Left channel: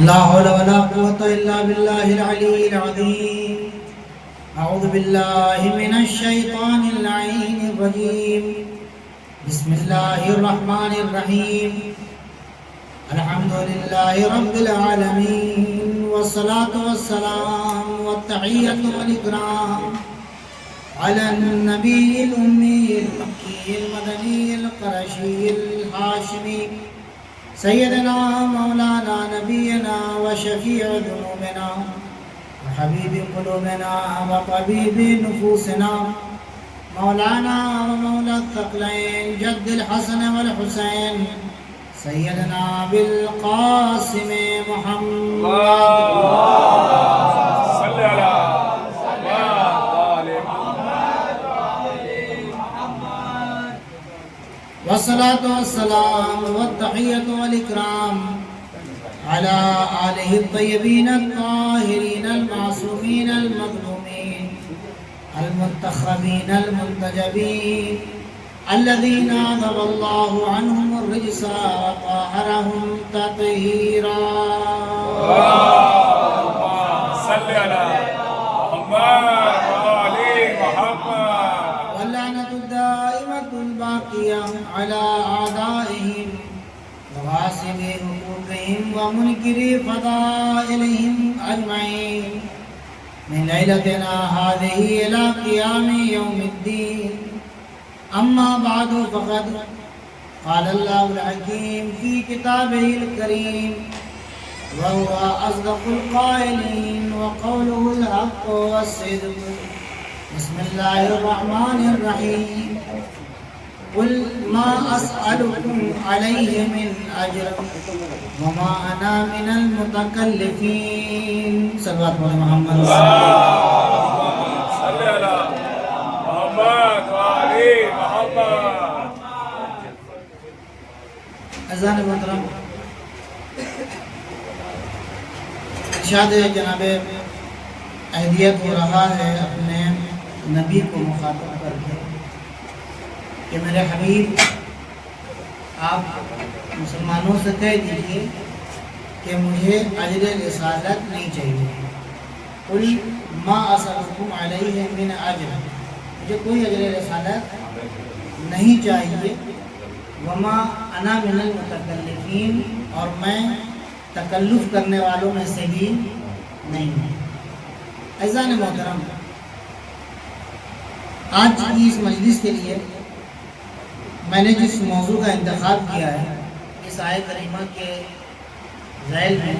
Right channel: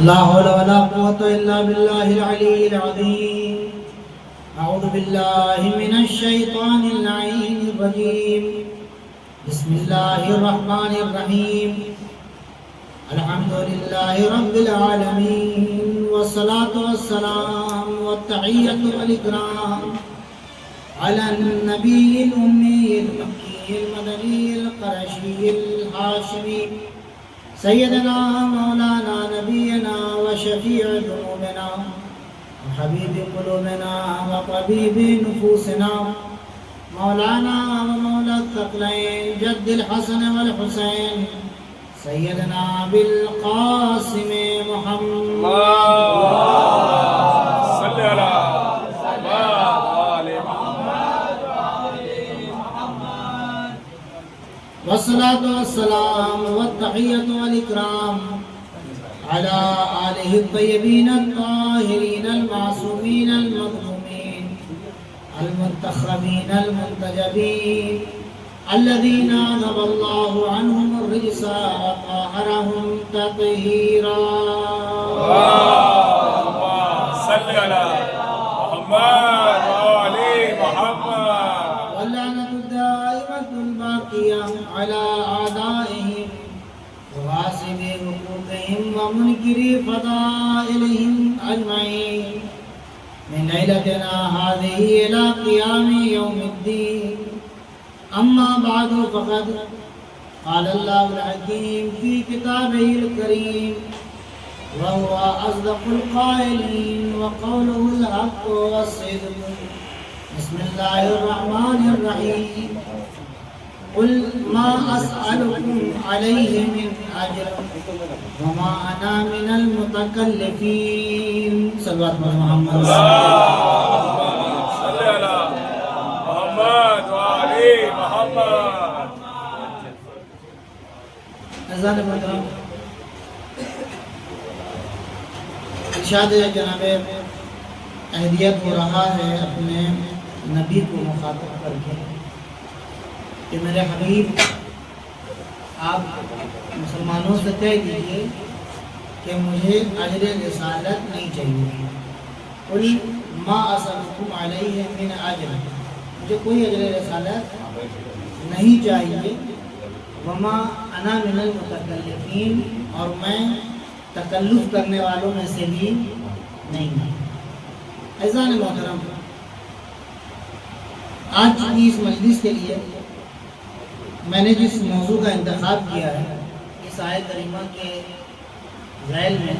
لا حول ولا قوة إلا بالله العلي العظيم. أعوذ بالله من الشيطان اللعين الرجيم. بسم الله الرحمن الرحيم. الحمد لله رب العالمين، والصلاة والسلام والتحية والإكرام على النبي الأمي المكي المدني القرشي الهاشمي سيدنا مولانا نبينا وشفيع ذنوبنا وحبيب قلوبنا وطبيب نفوسنا مولانا ومولى الثقلين جد الحسن والحسين سيدنا بالقاسم محمد والصلاة والسلام والتحية والإكرام على آله الطيبين الطاهرين المعصومين المظلومين المنتخبين المنتجبين الذين عذب الله عنهم الرجس وطهرهم تطهيرا. صل على محمد وآل محمد. واللعنة الدائمة الباقية على أعدائهم وغاصب حقوقهم ومنكري فضائلهم أجمعين من ليلتنا هذه إلى قيام يوم الدين. أما بعد فقد قال الله الحكيم في كتابه الكريم وهو أصدق القائلين وقوله الحق والصدق. بسم الله الرحمن الرحيم. قل ما أسألكم عليه من أجر وما أنا من المتكلفين. صلوات محمد صل على محمد وآل محمد. اذان محترم ارشاد جناب اہلیت ہو رہا ہے اپنے نبی کو مخاطب کر کے کہ میرے حبیب آپ مسلمانوں سے طے کیجیے کہ مجھے اجر رسالت نہیں چاہیے. قل ما اسألکم علیہ من اجر، مجھے کوئی اجر رسالت نہیں چاہیے. وما انا من المتکلفین، اور میں تکلف کرنے والوں میں سے بھی نہیں ہوں. عزیزان محترم، آج کی اس مجلس کے لیے میں نے جس موضوع کا انتخاب کیا ہے اس آیت کریمہ کے ذیل میں،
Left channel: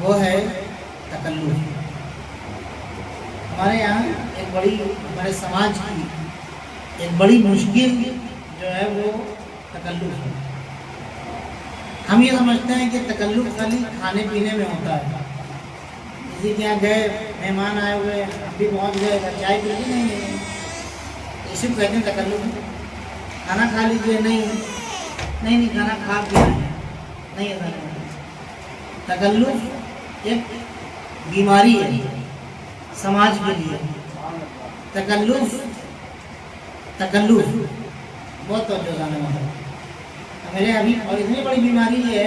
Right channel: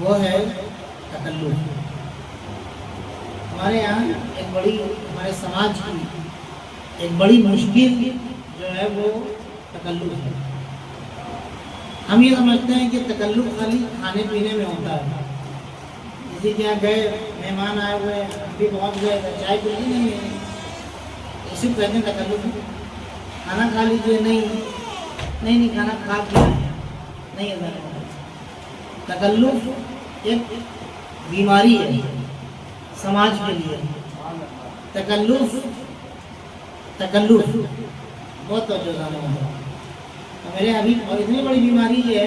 وہ ہے تکلف. ہمارے یہاں ہمارے سماج کی ایک بڑی مشکل جو ہے وہ تکلف ہے. ہم یہ سمجھتے ہیں کہ تکلف خالی کھانے پینے میں ہوتا ہے. کسی کے یہاں گئے، مہمان آئے ہوئے، ہم بھی پہنچ گئے، چائے پی لی نہیں، اسی کو کہتے ہیں تکلف. کھانا کھا لیجیے، نہیں کھانا کھا کے نہیں ہے. تکلف ایک بیماری ہے سماج کے لیے. تکلف بہت توجہ ہے میرے ابھی. اور اتنی بڑی بیماری ہے،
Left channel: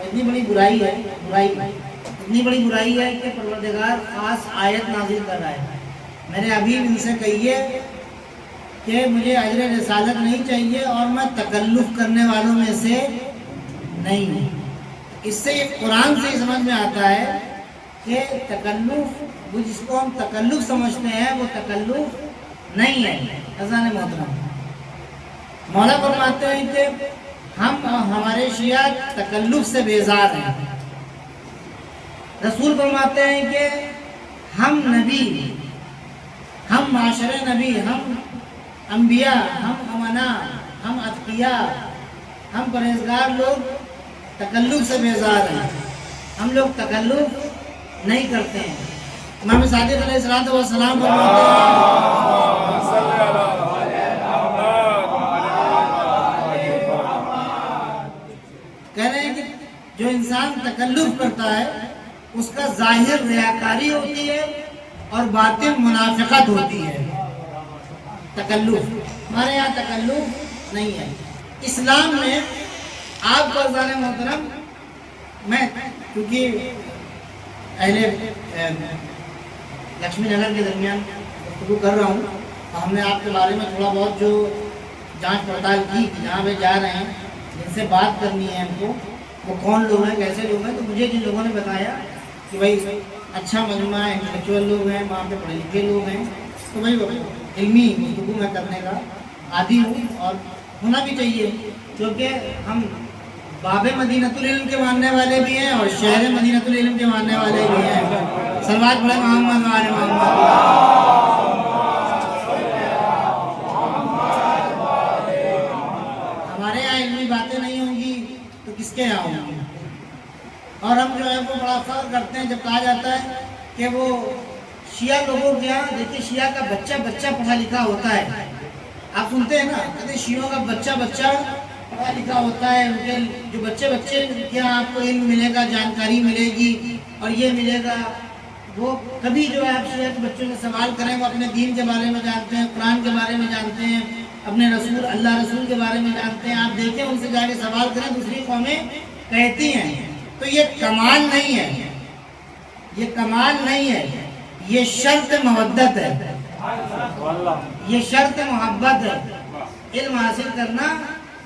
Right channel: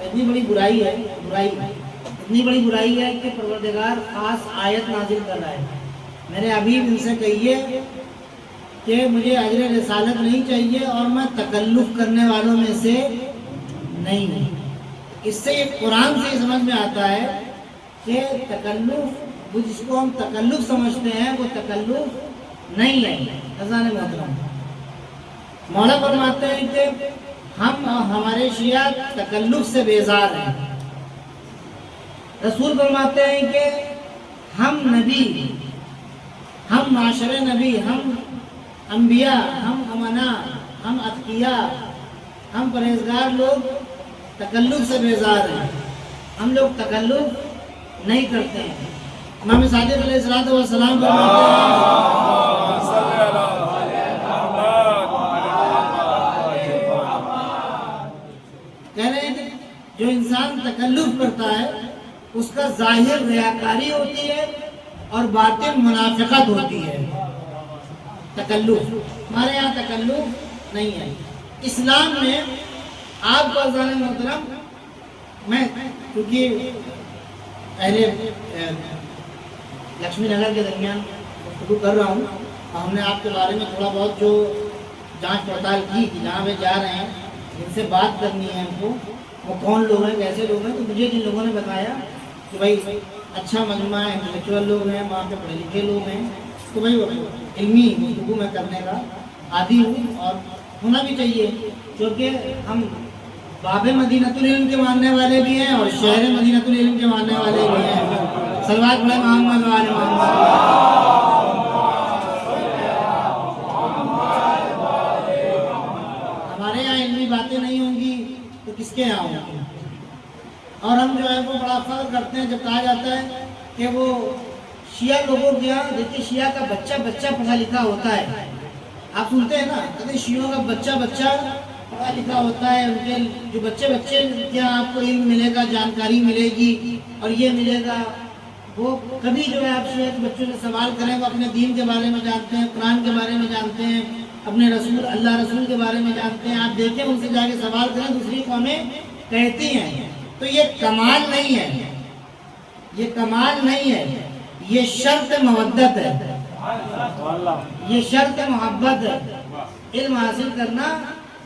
اتنی بڑی برائی ہے کہ پروردگار خاص آیت نازل کر رہا ہے. میرے حبیب ان سے کہیے کہ مجھے اجر رسالت نہیں چاہیے اور میں تکلف کرنے والوں میں سے نہیں ہوں. اس سے قرآن سے ہی سمجھ میں آتا ہے کہ تکلف، وہ جس کو ہم تکلف سمجھتے ہیں وہ تکلف نہیں ہے. عزیزان محترم، مولا فرماتے ہیں کہ ہم ہمارے شیعہ تکلف سے بیزار ہیں. رسول فرماتے ہیں کہ ہم نبی، ہم معاشر نبی، ہم انبیاء، ہم امنا، ہم اتقیاء، ہم پرہیزگار لوگ تکلف سے بیزار ہیں. ہم لوگ تکلف نہیں کرتے ہیں. امام صادق علیہ السلام فرماتے ہیں کہہ رہے ہیں کہ جو انسان تکلف کرتا ہے اس کا ظاہر ریاکاری ہوتی ہے اور باطن منافقت ہوتی ہے. تکلف، ہمارے یہاں تکلف نہیں ہے. اسلام میں آپ کو عزیزان محترم میں کیونکہ اہل لکشمی نگر کے درمیان گفتگو کر رہا ہوں، اور ہم نے آپ کے بارے میں تھوڑا بہت جو جانچ پڑتال کی کہ جہاں پہ جا رہے ہیں جن سے بات کرنی ہے ہم کو وہ کون لوگ ہیں، کیسے لوگ ہیں، تو مجھے جن لوگوں نے بتایا کہ بھائی اچھا مجموعہ ہے، انٹلیکچوئل لوگ ہیں، وہاں پہ پڑھے لکھے لوگ ہیں، تو بھائی علمی گفتگو میں کرنے کا عادی ہوں اور ہونا بھی چاہیے، کیونکہ ہم باب مدینۃ العلم کے ماننے والے بھی ہیں اور شہر مدینۃ العلم کے ماننے والے بھی ہیں۔ صلوات پڑھیں محمد وعلی محمد۔ ہمارے یہاں علمی باتیں نہیں ہوں گی تو کس کے یہاں ہوں گی؟ اور ہم جو ہے وہ بڑا فخر کرتے ہیں جب کہا جاتا ہے کہ وہ شیعہ لوگوں کے یہاں، دیکھیے شیعہ کا بچہ بچہ پڑھا لکھا ہوتا ہے، آپ سنتے ہیں نا، کہتے شیعوں کا بچہ بچہ پڑھا لکھا ہوتا ہے، ان کے جو بچے بچے کیا آپ کو علم ملے گا، جانکاری ملے گی اور یہ ملے گا، وہ کبھی جو ہے آپ شیعہ کے بچوں سے سوال کریں وہ اپنے دین کے بارے میں جانتے ہیں، قرآن کے بارے میں جانتے ہیں، اپنے رسول اللہ رسول کے بارے میں جانتے ہیں، آپ دیکھیں ان سے جا کے سوال کریں، دوسری قومیں کہتی ہیں، تو یہ کمال نہیں ہے، یہ کمال نہیں ہے، یہ شرط محبت ہے، یہ شرط محبت ہے۔ علم حاصل کرنا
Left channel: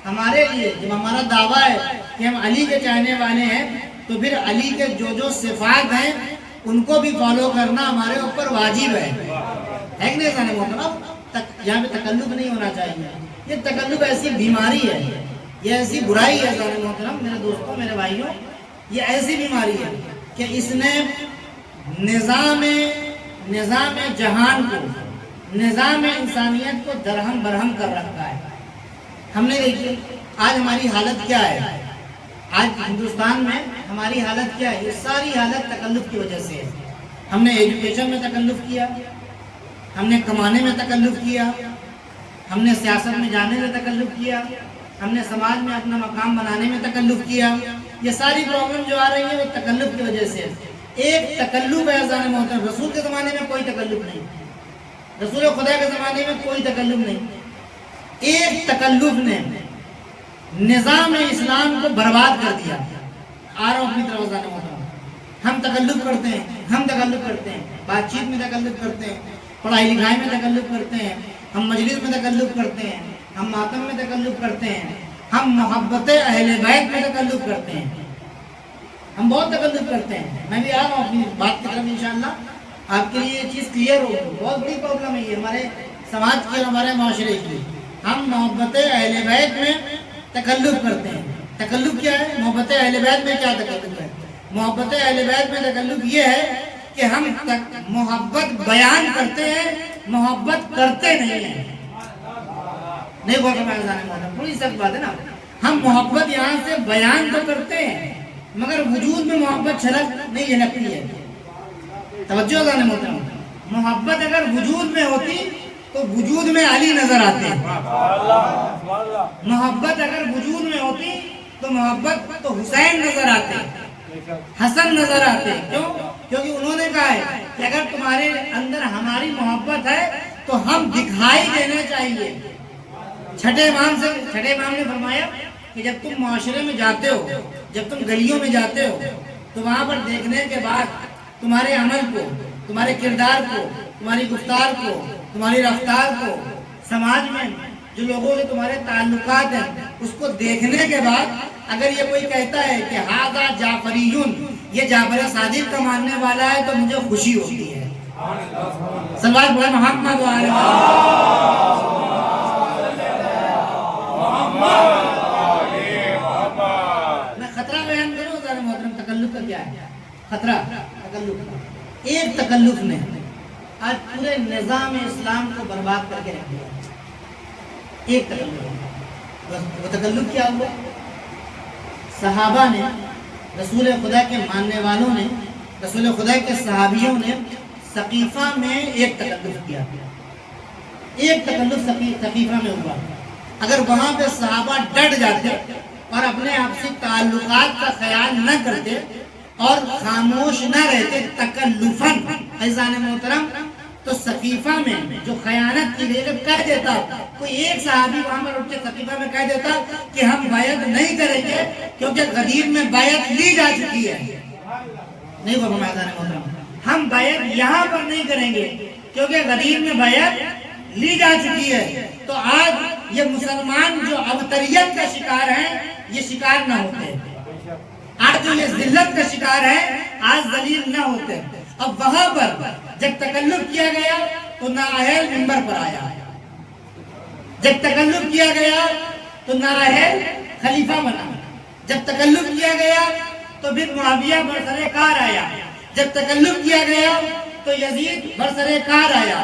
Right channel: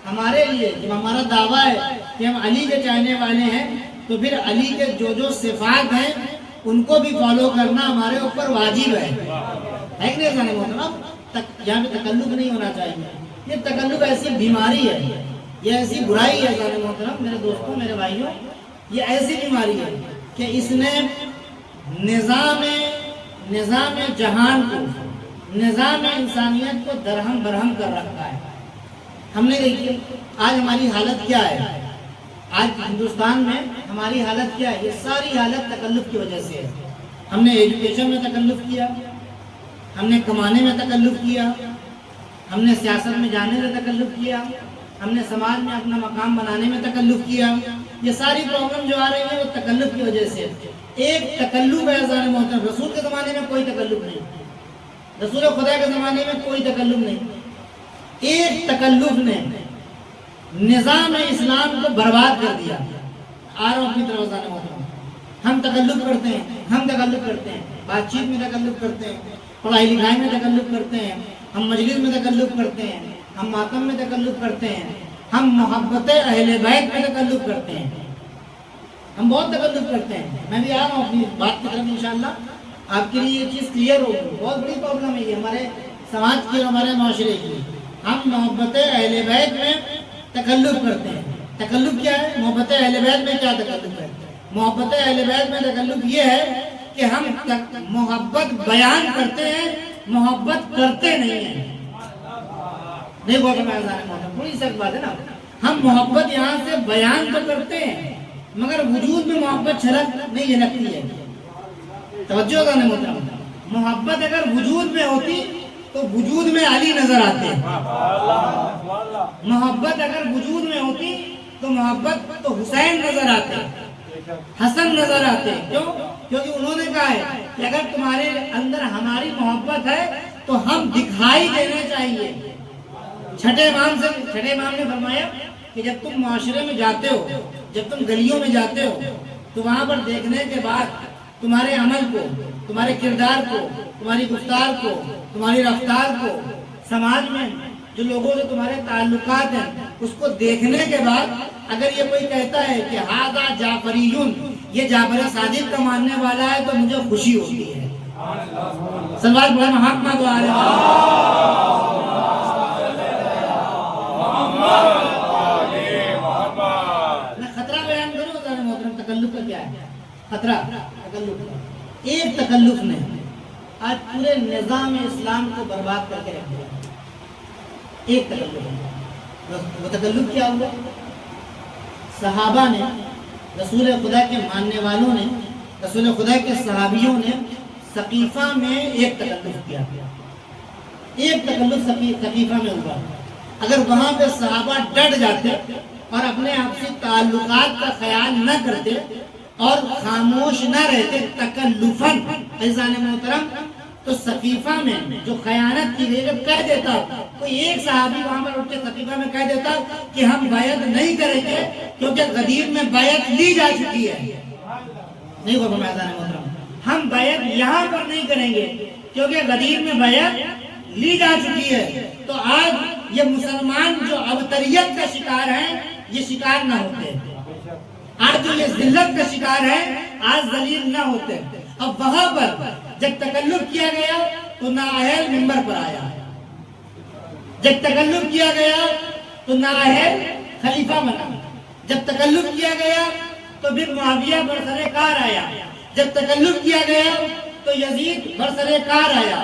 ہمارے لیے جب ہمارا دعویٰ ہے کہ ہم علی کے چاہنے والے ہیں تو پھر علی کے جو صفات ہیں ان کو بھی فالو کرنا ہمارے اوپر واجب ہے کہ نہیں جانے محترم؟ یہاں پہ تکلف نہیں ہونا چاہیے، یہ تکلف ایسی بیماری ہے، یہ ایسی برائی ہے جانے محترم، میرے دوستوں میرے بھائیوں، یہ ایسی بیماری ہے کہ اس نے نظام جہان کو، نظام انسانیت کو درہم برہم کر رکھا ہے۔ ہم نے دیکھیے آج ہماری حالت کیا ہے، آج ہندوستان میں ہماری حالت کیا ہے، یہ ساری حالت تکلف کی وجہ سے ہے۔ ہم نے ایجوکیشن میں تکلف کیا، ہم نے کمانے میں تکلف کیا، ہم نے سیاست میں جانے میں تکلف کیا، ہم نے سماج میں اپنا مقام بنانے میں تکلف کیا، یہ ساری پرابلم جو آ رہی ہے وہ تکلف کی وجہ سے ہے۔ ایک تکلف ہے عزیزان محترم، رسول کے زمانے میں کوئی تکلف نہیں، رسول خدا کے زمانے میں کوئی تکلف نہیں، ایک تکلف نے نظام اسلام کو برباد کر دیا۔ آ رہا ہوں اپنی طرف عزیزان محترم، ہم تکلف کرتے ہیں، ہم تکلف کرتے ہیں، بات چیت میں تکلف کرتے ہیں، پڑھائی لکھائی میں تکلف کرتے ہیں، ہم مجلس میں تکلف کرتے ہیں، ہم ماتم میں تکلف کرتے ہیں، ہم محبت اہل بیت میں تکلف کرتے ہیں، ہم بہت تکلف کرتے ہیں۔ میں بھی آ رہا ہوں اپنی بات کی طرف انشاءاللہ، آپ کے لیے یہ چیز کلیئر ہوگی، بہت بڑی پرابلم ہے یہ ہمارے سماج کی اور ہمارے معاشرے کی۔ ہم محبت اہل بیت میں تکلف کرتے ہیں۔ تکلف کیا ہے؟ محبت اہل بیت میں کیا تکلف ہے؟ محبت اہل بیت میں تکلف یہ ہے کہ ہم محبت بیان کرتے ہیں، محبت کرتے نہیں ہیں۔ نہیں بول رہا کوئی سب بات ہے نا، ہم محبت یہاں سے بیان تو کرتے ہیں مگر وجود میں محبت چھلک نہیں جھلکتی ہے۔ توجہ ہوگا نا محترم، محبت اگر وجود میں ہوتی تو وجود میں علی نظر آتے، محبت اگر وجود میں ہوتی تو محبت تو حسین نظر آتے، حسن نظر آتے۔ کیوں؟ کیونکہ انہوں نے کہا ہے کہ اگر تمہارے اندر ہماری محبت ہے تو ہم دکھائی دینا چاہیے۔ چھٹے امام نے فرمایا کہ جب تم معاشرے میں جاتے ہو، جب تم گلیوں میں جاتے ہو تو وہاں پر دیکھنے کے بعد تمہارے عمل کو، تمہارے کردار کو، تمہاری گفتار کو، تمہاری رفتار کو، سماج میں جو لوگوں سے تمہارے تعلقات ہیں اس کو دیکھنے کے بعد اگر یہ کوئی کہتا ہے کہ ھذا جعفریون، یہ جعفر صادق کا ماننے والا ہے، تو مجھے خوشی ہوتی ہے۔ سوال بڑا محمد میں خطرہ بیان کروں ذرا محترم، تکلف کا کیا ہے خطرہ؟ تکلف کا ایک تکلف نے آج پورے نظام اسلام کو برباد کر کے رکھ دیا۔ ایک تکلف، وہ تکلف کیا ہوا؟ صحابہ نے، رسول خدا کے ماننے والوں نے، رسول خدا کے صحابیوں نے سقیفہ میں ایک تکلف کیا، ایک تکلف سقیفہ میں ہوا۔ اگر وہاں پہ صحابہ ڈٹ جاتے اور اپنے آپ سے تعلقات کا خیال نہ کرتے اور خاموش نہ رہتے تکلفاً، عزیزان محترم، تو سقیفہ میں جو خیانت کی گئی، جب کہہ دیتا کوئی ایک صحابی وہاں پر اٹھ کے سقیفہ میں کہہ دیتا کہ ہم بیعت نہیں کریں گے کیونکہ غدیر میں بیعت لی جا چکی ہے، نہیں وہ میدان محترم، ہم بیعت یہاں پر نہیں کریں گے کیونکہ غدیر میں بیعت لی جا چکی ہے، تو آج یہ مسلمان جو ابتریت کا شکار ہیں یہ شکار نہ ہوتے، آج جو یہ ذلت کا شکار ہے آج ذلیل نہ ہوتے۔ اب وہاں پر جب تکلف کیا گیا تو نااہل منبر پر آیا، جب تکلف کیا گیا تو نااہل خلیفہ بنا، جب تکلف کیا گیا تو پھر معاویہ برسر کار آیا، جب تکلف کیا گیا تو یزید برسر کار آیا،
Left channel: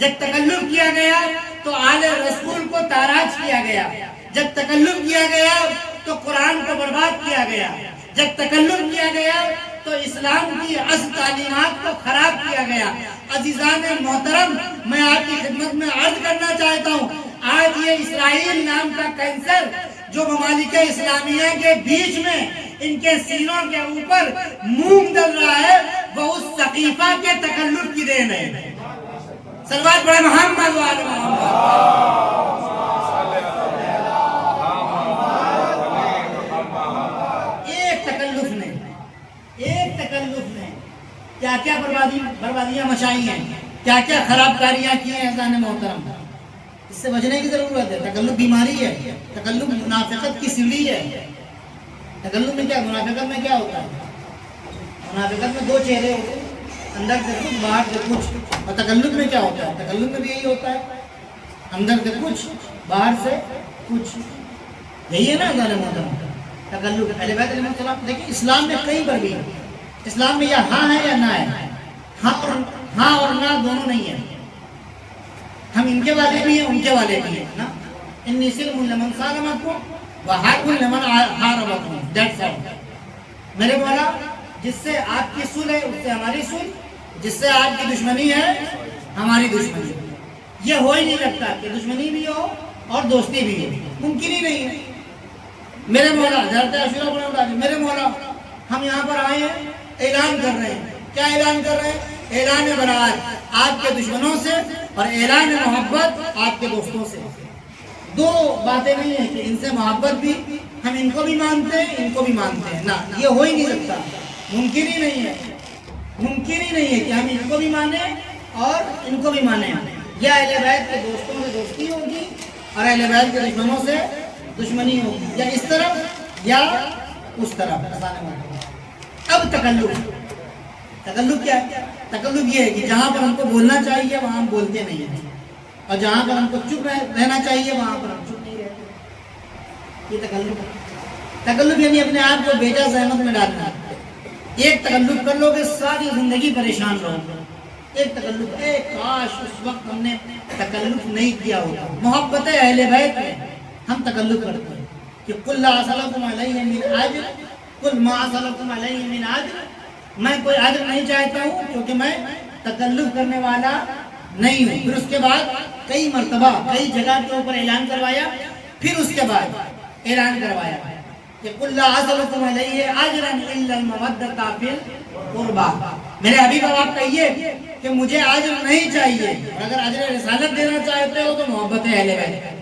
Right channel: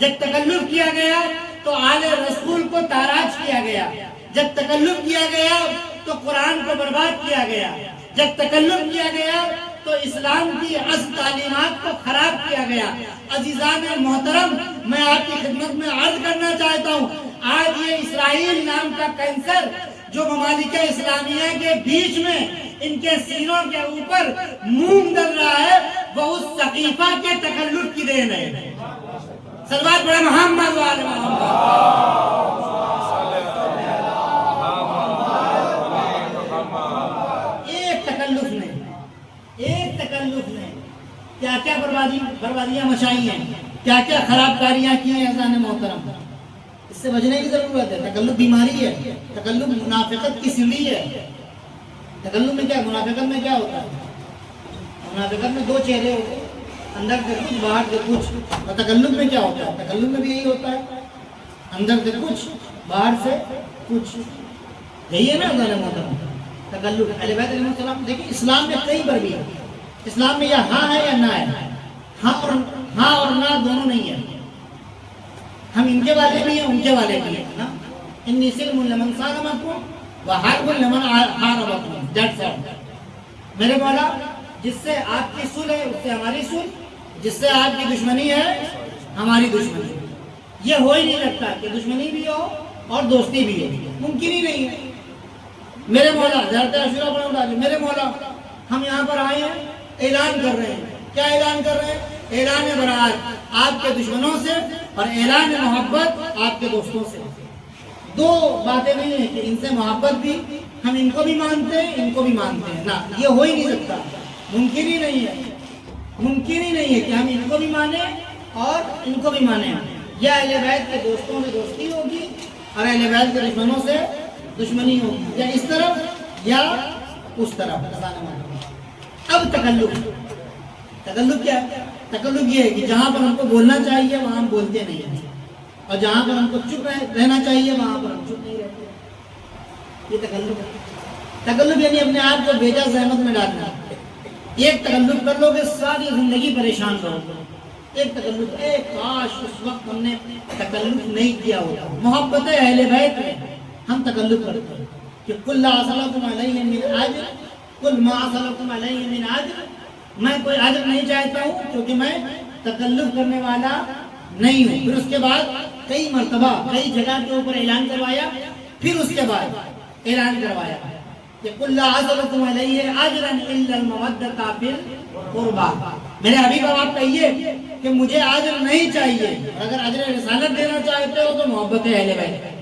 جب تکلف کیا گیا تو آل رسول کو تاراج کیا گیا، جب تکلف کیا گیا تو قرآن کو برباد کیا گیا، جب تکلف کیا گیا تو اسلام کی اصل تعلیمات کو خراب کیا گیا۔ عزیزان محترم، میں آپ کی خدمت میں عرض کرنا چاہتا ہوں، آج یہ اسرائیل نام کا کینسر جو ممالک اسلامیہ کے بیچ میں ان کے سینوں کے اوپر مونگ ڈل رہا ہے، وہ اس سقیفہ کے تکلف کی دین ہے۔ صلوات پڑھیں محمد و آل محمد۔ ایک تکلف نے کیا کیا بربادیاں مچائی ہیں، کیا کیا خراب کاریاں کی ہیں عزیزان محترم۔ اس سے بچنے کی ضرورت ہے۔ تکلف بیماری ہے، تکلف منافقت کی سیڑھی ہے۔ تکلف میں کیا، منافقت میں کیا ہوتا ہے؟ منافقت میں دو چہرے ہوتے ہیں، اندر سے کچھ باہر سے کچھ، اور تکلف میں کیا ہوتا ہے؟ تکلف میں بھی یہی ہوتا ہے، اندر سے کچھ باہر سے کچھ، یہی ہے نا عزیزان محترم تکلف۔ اہل بیت علیہ السلام دیکھیں اسلام میں کئی پر بھی ہے، اسلام میں یا ہاں ہے یا نہ ہے، ہاں اور نہ دونوں نہیں ہے، ہم ان کے والے بھی ہیں ان کے والے بھی ہیں نا۔ انی سلم لمن سالمکم وحرب لمن حاربکم، دیٹس آل۔ میرے مولا جس سے آپ کی صلح ہے اس سے ہماری صلح، جس سے آپ کی دشمنی ہے ہماری دشمنی، یہ ہو ہی نہیں سکتا کہ دشمنی بھی ہو اور دوستی بھی ہو، ممکن ہی نہیں ہے۔ میرے مولا حضرت عاشورہ پڑھنا، میرے مولا ہم یہاں پر آئے ہیں، اعلان کر رہے ہیں، کیا اعلان کر رہے ہیں؟ اعلان برات آپ کے دشمنوں سے اور اعلان محبت آپ کے دوستوں سے۔ دو باتیں نہیں ہیں کہ ان سے محبت بھی، ہم ان کو بھی مانتے ہیں ان کو بھی مانتے ہیں، نہ یہ ہو ہی نہیں سکتا، ممکن ہی نہیں ہے، ممکن ہی نہیں ہے کہ ہم ان کو بھی مانیں اور ان کو بھی مانیں۔ یا اہل بیت کے دوستوں سے دوستی ہوگی اور اہل بیت کے دشمنوں سے دشمنی ہوگی، یا اس طرف یا اس طرف۔ اب تکلف کیا ہے؟ تکلف یہ ہے کہ جہاں پر ہم کو بولنا چاہیے وہاں ہم بولتے نہیں ہیں، اور جہاں پر ہم کو چپ رہنا چاہیے وہاں پر ہم چپ نہیں رہتے، یہ تکلف ہے۔ تکلف یعنی اپنے آپ کو بیجا زحمت میں ڈالنا۔ ایک تکلف کر لو گے ساری زندگی پریشان رہو گے۔ ایک تکلف، ایک کاش اس وقت ہم نے تکلف نہیں کیا ہوتا۔ محبت اہل بیت میں ہم تکلف کرتے ہیں کہ قل لا اسألکم علیہ من اجر قل ما اسألکم علیہ من اجر، میں کوئی اجر نہیں چاہتا ہوں کیونکہ میں تکلف کرنے والا نہیں ہوں۔ پھر اس کے بعد کئی مرتبہ کئی جگہ کے اوپر اعلان کروایا، پھر اس کے بعد اعلان کروایا کہ قل لا اسألکم علیہ اجرا الا المودۃ فی القربى، میرے حبیب اب آپ کہیے کہ مجھے اجر نہیں چاہیے، اور اگر اجر رسالت دینا چاہتے ہو تو محبت اہل بیت۔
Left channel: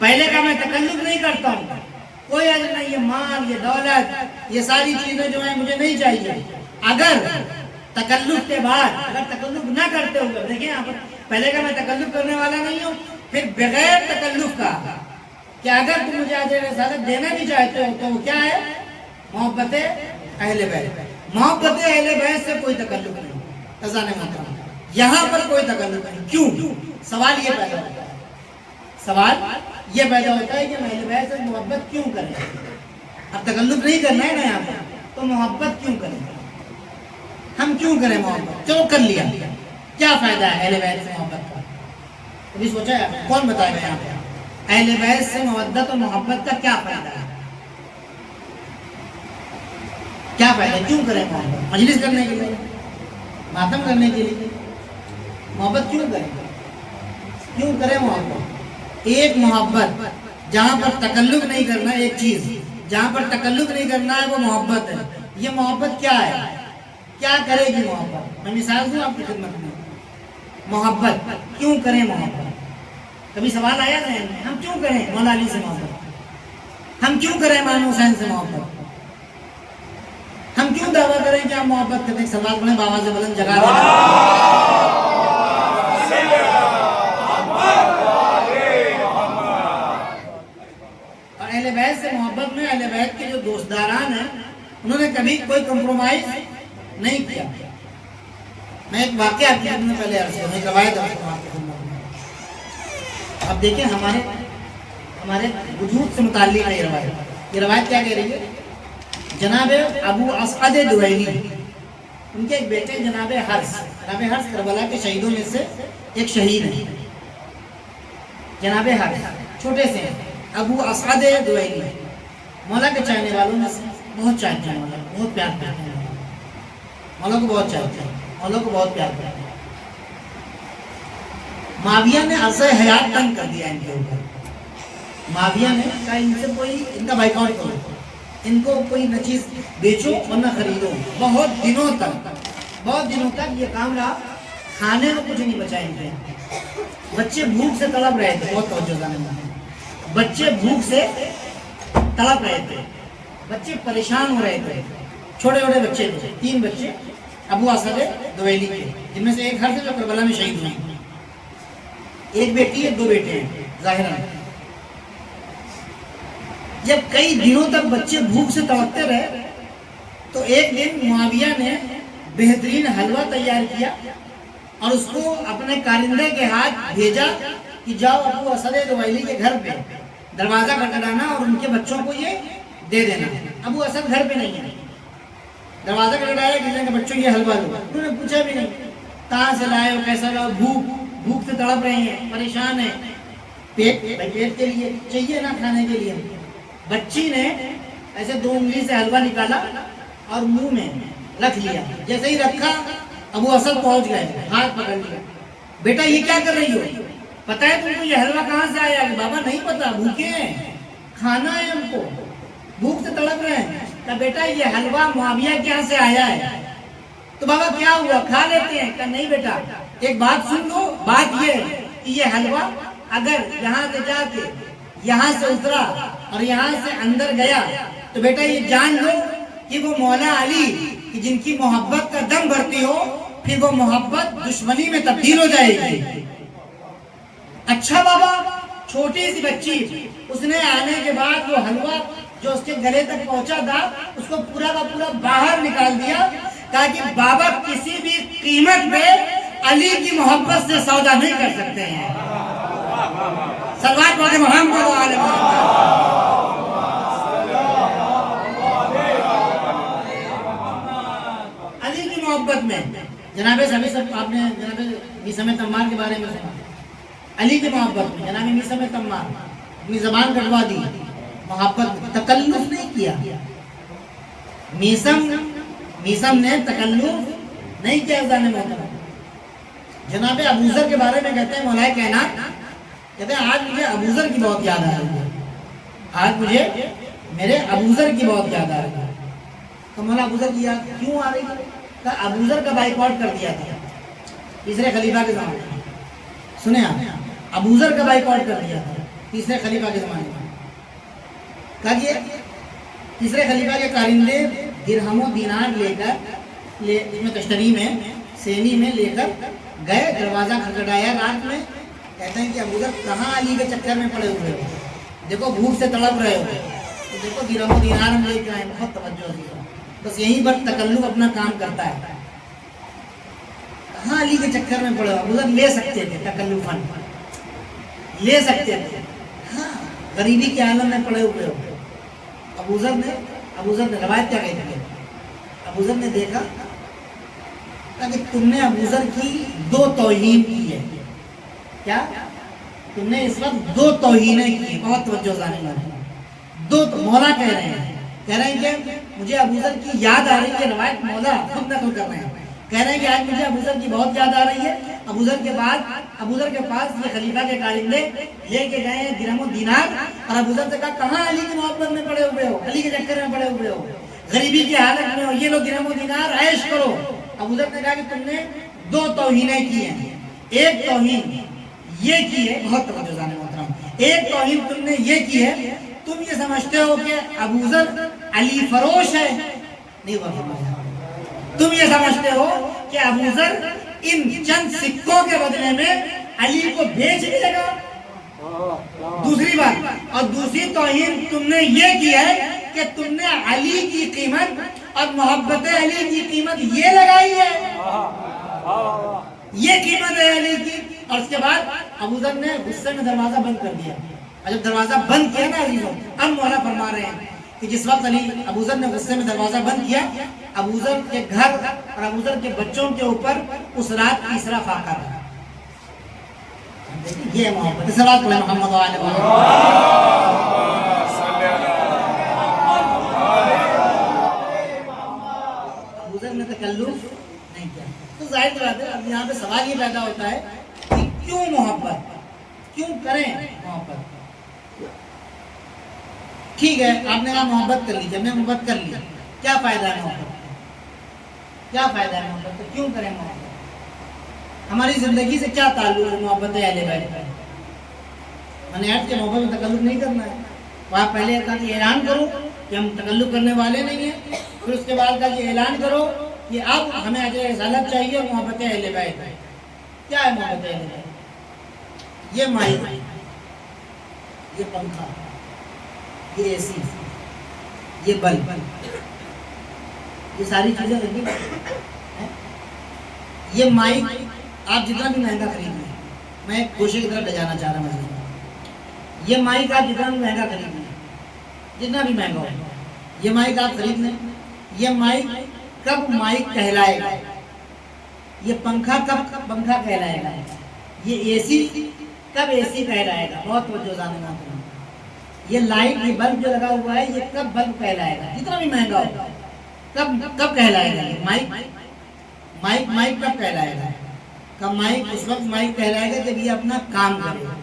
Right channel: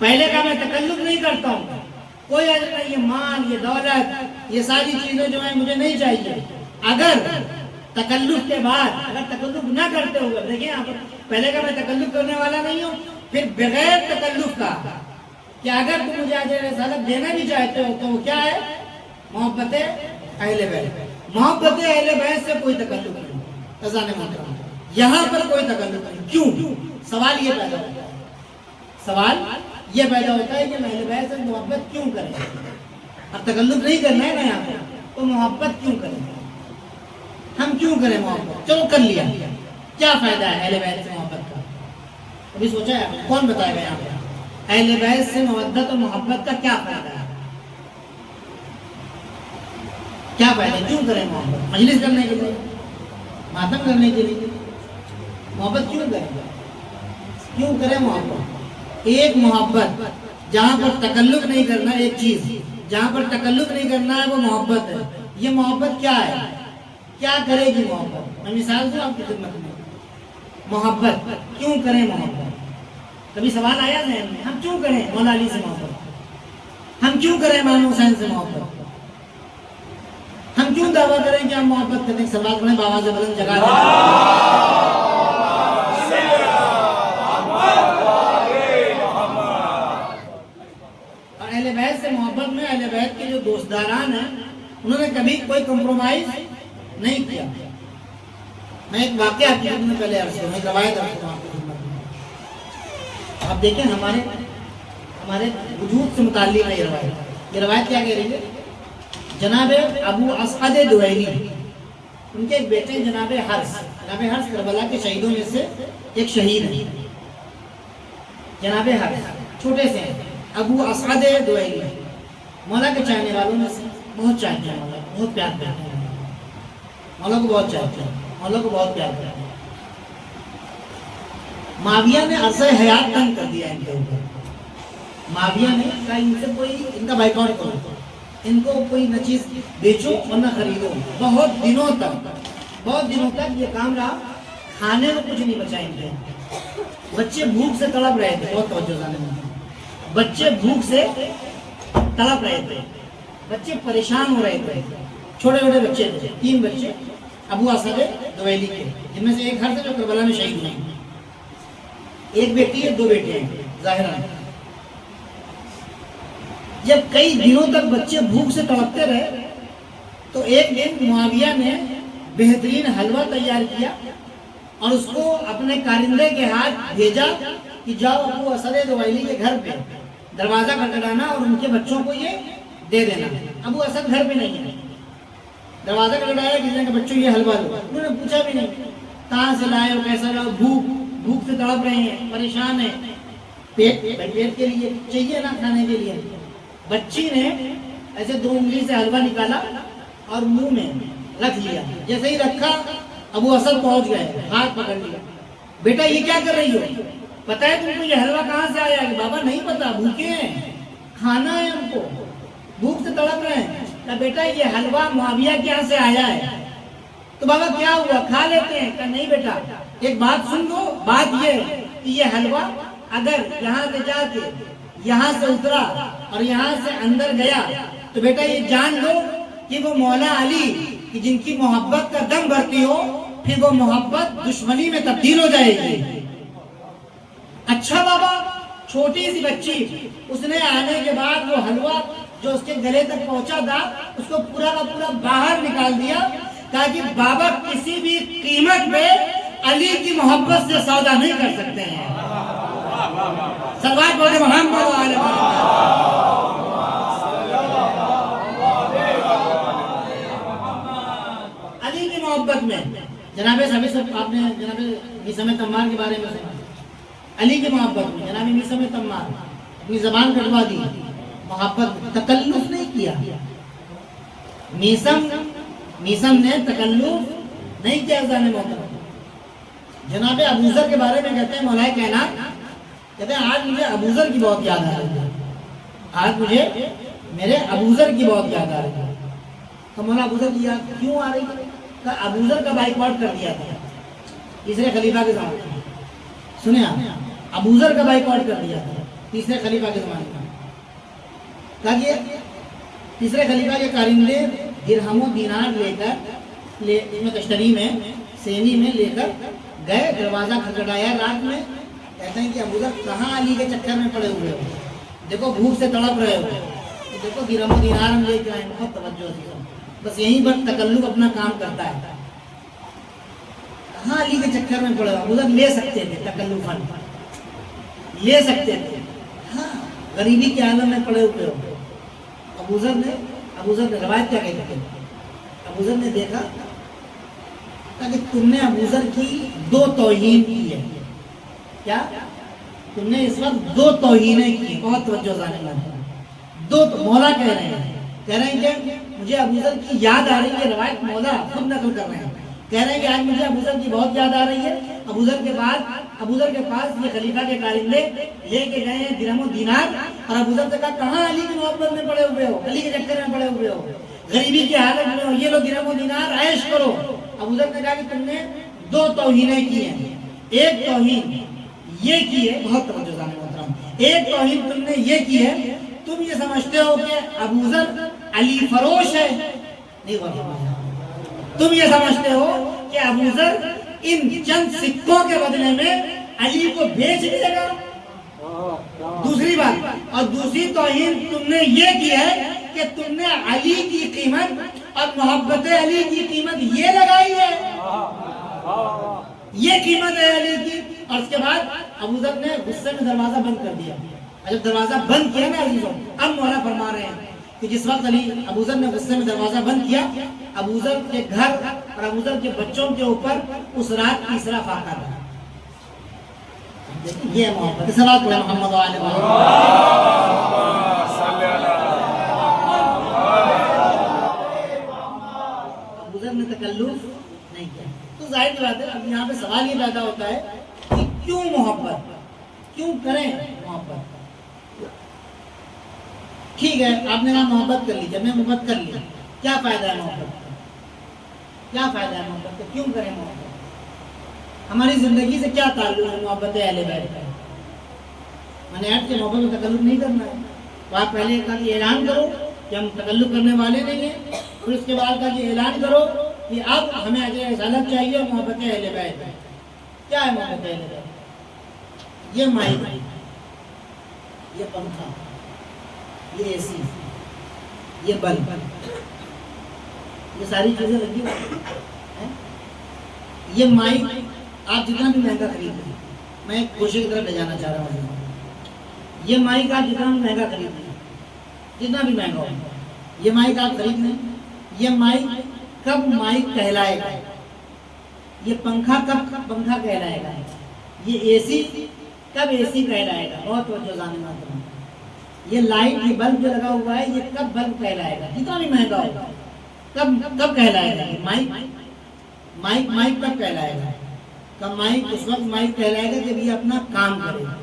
پہلے کا میں تکلف نہیں کرتا ہوں، کوئی اجر نہیں، یہ مال یہ دولت یہ ساری چیزیں جو ہیں مجھے نہیں چاہیے۔ اگر تکلف کے بعد اگر تکلف نہ کرتے ہوئے، دیکھیں آپ پہلے کا میں تکلف کرنے والا نہیں ہوں، پھر بغیر تکلف کا کہ اگر تم مجھے اجر رسالت دینا بھی چاہتے ہو تو وہ کیا ہے؟ محبت اہل بیت۔ محبت اہل بیت سے کوئی تکلف نہیں، عزیزان محترم یہاں پر کوئی تکلف نہیں۔ کیوں؟ سوال یہ پیدا ہوتا ہے، سوال یہ پیدا ہوتا ہے کہ اہل بیت سے محبت کیوں کریں؟ اب تکلف نہیں کرنا ہے نا یہاں پر، تو محبت کیوں کریں؟ ہم کیوں کریں محبت؟ چلو کر لیا، کیا فائدہ ہے اہل بیت سے محبت کا؟ ابھی سوچا ہے کون بتائے گا یہاں پہ اہل بیت سے محبت اور محبت کا کیا فائدہ ہے؟ کیا فائدہ؟ کیوں کریں محبت؟ مجلس کرنے کے لیے، ماتم کرنے کے لیے محبت کیوں کریں؟ کیوں کریں محبت؟ ایک محبت جہاں پر تکلف نہیں کرنا، ایک چیز جہاں پر تکلف نہیں کرنا ہے وہ محبت ہے۔ یہ محبت کیا ہے؟ کیا کرے گی محبت؟ میں مثال دوں آپ کی خدمت میں، محبت کیوں کریں محبت؟ کبھی سوال آیا ذہن میں ہم کیوں کریں مولا علی سے محبت؟ ہم کیوں کریں امام حسین سے محبت؟ ہم کیوں دعویٰ کریں کہ ہم محبت کرتے ہیں؟ سوال کریں بابا سے بلند جگہ اور اہل بیت سے محبت میں اہل بیت کے جو دوستداران ہیں انہوں نے کبھی کوئی کمپرومائز نہیں کیا. میں ایک واقعہ آپ نے پہلے عرض کیا، میں ایک روایت عرض کروں آپ کی خدمت میں. آپ دیکھیں ہمارے وجود سے متعلق ہے یہ روایت کیا کہہ رہی ہے؟ جناب ابو اسعد دویلی ان کے ایک بیٹے جناب حرس کربلا کے شہیدوں میں سے ایک شہید ہیں. جناب حرس چھوٹے سے ہیں، ابو اسعد دویلی مولا کے چاہنے والوں میں سے بہت چاہتے ہیں، مولا بہت پیار کرتے ہیں، مولا کو بہت چاہتے ہیں، مولا کو بہت پیار کرتے ہیں. معاویہ نے عرض حیات تنگ کر دیا ان کے اوپر. معاویہ نے کہا ان سے کوئی ان کا بائیکاٹ کرو، ان کو کوئی نہ چیز بیچو اور نہ خریدو. بہت دنوں تک یہ کام رہا. کھانے میں کچھ نہیں بچا ان کے. بچے بھوک سے تڑپ رہے تھے. بہت توجہ جانے میں بچے بھوک سے تڑپ رہے تھے، بچے پریشان ہو رہے تھے. چھوٹے چھوٹے بچے تھے، 3 بچے ابو اسعد دویلی کے، جن میں سے ایک ہر سے جو کربلا میں شہید ہوئی. ایک بیٹی ہے، 2 بیٹے ہیں ظاہراً. جب کئی دنوں تک بچے بھوک سے تڑپتے رہے تو ایک دن معاویہ نے بہترین حلوہ تیار کیا اور اس کو اپنے کارندے کے ہاتھ بھیجا کہ جاؤ ابو اسعد دویلی کے گھر پہ دروازہ کھٹکھٹانا اور ان کے بچوں کو یہ دے دینا. ابو اسعد گھر پہ نہیں ہے. دروازہ کھٹکھٹایا کہ کہ بچوں یہ حلوہ دو. انہوں نے پوچھا بھی نہیں کہاں سے لائے ہو، کیسا لاؤ. بھوک سے تڑپ رہے ہیں، پریشان ہیں. پیٹ کے لیے چاہیے نا، کھانے کے لیے. بچی نے ایسے 2 انگلی سے حلوہ نکالا اور منہ میں رکھ لیا. جیسے ہی رکھا ابو اسعد پہنچ گئے، ہاتھ پکڑ لیا. بیٹا یہ کیا کر رہی ہو؟ پتہ ہے تم کو یہ حلوہ کہاں سے آیا ہے؟ بابا نہیں پتا، بھوکے ہیں، کھانا ہے ہم کو، بھوک سے تڑپ رہے ہیں. کہا بیٹا یہ حلوہ معاویہ کے یہاں سے آیا ہے. تو بابا کیا ہوا، کھا لیتے ہیں؟ کہا نہیں بیٹا ایک بات سن لو. بات یہ ہے کہ یہ حلوہ اگر یہاں سے جا کے یہاں سے اترا اور یہاں سے اندر گیا تو بیٹا یہ جان لو کہ وہ مولا علی کہ جن کی محبت کا دم بھرتی ہو، پھر وہ محبت دشمنی میں تبدیل ہو جائے گی. اچھا بابا. چھوٹی سی بچی، اس نے آنے کے بعد وہ حلوہ جو اس کے گلے تک پہنچا تھا اس کو پورا کا پورا باہر نکال دیا تاکہ بابا کسی بھی قیمت پہ علی کی محبت سے سودا نہیں کر سکتے ہیں. سلوات پڑھیں محمد و آل محمد. علی کی محبت میں جناب آپ نے جناب میثم تمار کے بارے میں سنا. علی کی محبت میں جناب میثم تمار اپنی زبان کٹوا دی. محبت تکلف نہیں کیا. میثم نے تکلف نہیں کیا. ازان محترم جناب ابوذر کے بارے میں کہتے ہیں مولا کائنات کہتے ہیں آج مجھے ابوذر کی بہت یاد آ رہی ہے. آج مجھے میرے ابوذر کی بہت یاد آ رہی ہے. تو مولا ابوذر کی یاد کیوں آ رہی ہے؟ کہ ابوذر کا بائیکاٹ کر دیا تھا تیسرے خلیفہ کے زمانے میں. سنیں آپ، ابوذر کا بائیکاٹ کر دیا تھا تیسرے خلیفہ کے زمانے میں. کہا کہ تیسرے خلیفہ کے کارندے درہم و دینار لے کر تشتری میں سینی میں لے کر گئے. دروازہ کھٹکھٹایا رات میں. کہتے ہیں کہ ابوذر کہاں علی کے چکر میں پڑے ہوئے ہو، دیکھو بھوک سے تڑپ رہے ہو، تو دیکھو درہم و دینار ہم لے کے آئے. بہت توجہ دیا. بس یہیں پر تکلف اپنا کام کرتا ہے. کہاں علی کے چکر میں پڑے ہو. ابوذر لے سکتے تھے، تکلفاً لے سکتے تھے. ہاں غریبی کے عالم میں پڑے ہوئے ہو. ابوذر نے روایت کیا کہتی ہے؟ ابوذر نے دیکھا کہ تم نے ابوذر کی 2 توہین کی ہے. کیا تم نے اس وقت 2 توہینیں کی. بہت توجہ ذہن میں 2 مولا کہہ رہے ہیں کہ مجھے ابوذر کی یاد آ رہی ہے. روایت مولا خود نقل کر رہے ہیں. کہہ رہے ہیں کہ آج مجھے ابوذر کی بہت یاد آ رہی ہے. ابوذر کے پاس یہ خلیفہ کے کارندے لے کے گئے ہیں درہم و دینار اور ابوذر سے کہا کہاں علی کی محبت میں پڑے ہوئے ہو، علی کے چکر میں پڑے ہوئے ہو، غریبی کی حالت میں ہو، یہ لو درہم و دینار عیش کرو. ابوذر نے کہا کہ تم نے 2 توہینیں کی ہیں. ایک توہین یہ کی ہے، بہت توجہ جانے محترم، ایک توہین تم نے یہ کی ہے، تم یہ سمجھتے ہو کہ ابو ذر علی فروش ہے، نہیں وہ تم یہ سمجھتے ہو کہ ابو ذر ان چند سکوں کے بدلے میں علی کو بیچ دے گا. دوسری بات، اور دوسری توہین تم نے یہ کی ہے کہ تم نے علی کی قیمت اور محبت علی کی قیمت یہ لگائی ہے، یہ قیمت ہے علی کی. اور اس کے بعد ابو ذر نے غصے میں دروازہ بند کر دیا. اور جب دروازہ بند کیا نا عزیزوں، اب مولا فرما رہے ہیں کہ جس وقت ابو ذر نے غصے میں دروازہ بند کیا، ابو ذر کے گھر اور ابو ذر کے بچوں کے اوپر اس رات تیسرا فاقہ رہا. یہ محبت صلوات محمد علیہ ابو ذر نے تکلف نہیں کیا. تو ظاہر سی بات ہے، اب یہاں پہ سوال یہ پیدا ہوتا ہے کہ کیوں محبت، کیوں کریں محبت؟ ٹھیک ہے، آپ نے کہا محبت کر لی، جب میں محبت کر لیا، کیا فائدہ ہے محبت کا؟ کیا فائدہ ہے محبت کا؟ کیوں کریں محبت؟ ہماری زندگی سے کیا تعلق ہے محبت اہل بیت کا؟ میں نے عرض کہ محبت میں تکلف نہیں کرنا ہے. آپ پہلے کہا کہ اعلان کرو کہ ہم تکلف کرنے والے نہیں ہیں، پھر اس کے بعد کہا کہ اعلان کرو کہ اب ہمیں اجر رسالت چاہیے محبت اہل بیت. کیا ہے محبت اہل بیت؟ یہ مائک، یہ پنکھا، یہ اے سی، یہ بلب، یہ ساری چیزیں لگی ہیں. یہ مائک آپ جتنا بھی مہنگا خرید لیں، میں ایک کوشش کی طرف لے جانا چاہ رہا ہوں. یہ مائک آپ جتنا بھی مہنگا خرید لیں، جتنا بھی مہنگا ہو، یہ مائک آپ خرید لیں، یہ مائک کب مائک کہلائے گا؟ یہ پنکھا کب پنکھا کہلائے گا؟ یہ اے سی کب اے سی کہلائے گا؟ بہت توجہ جاننا کروں. یہ لائٹ، یہ بلب جو لگا ہوا ہے، یہ کب بلب کہلائے گا؟ جتنا بھی مہنگا ہوگا کب کہلائے گا؟ یہ مائک کب کہلائے گا؟ کب مائک؟ اس وقت مائک کہلائے گا جب یہ اپنا کام کرے گا.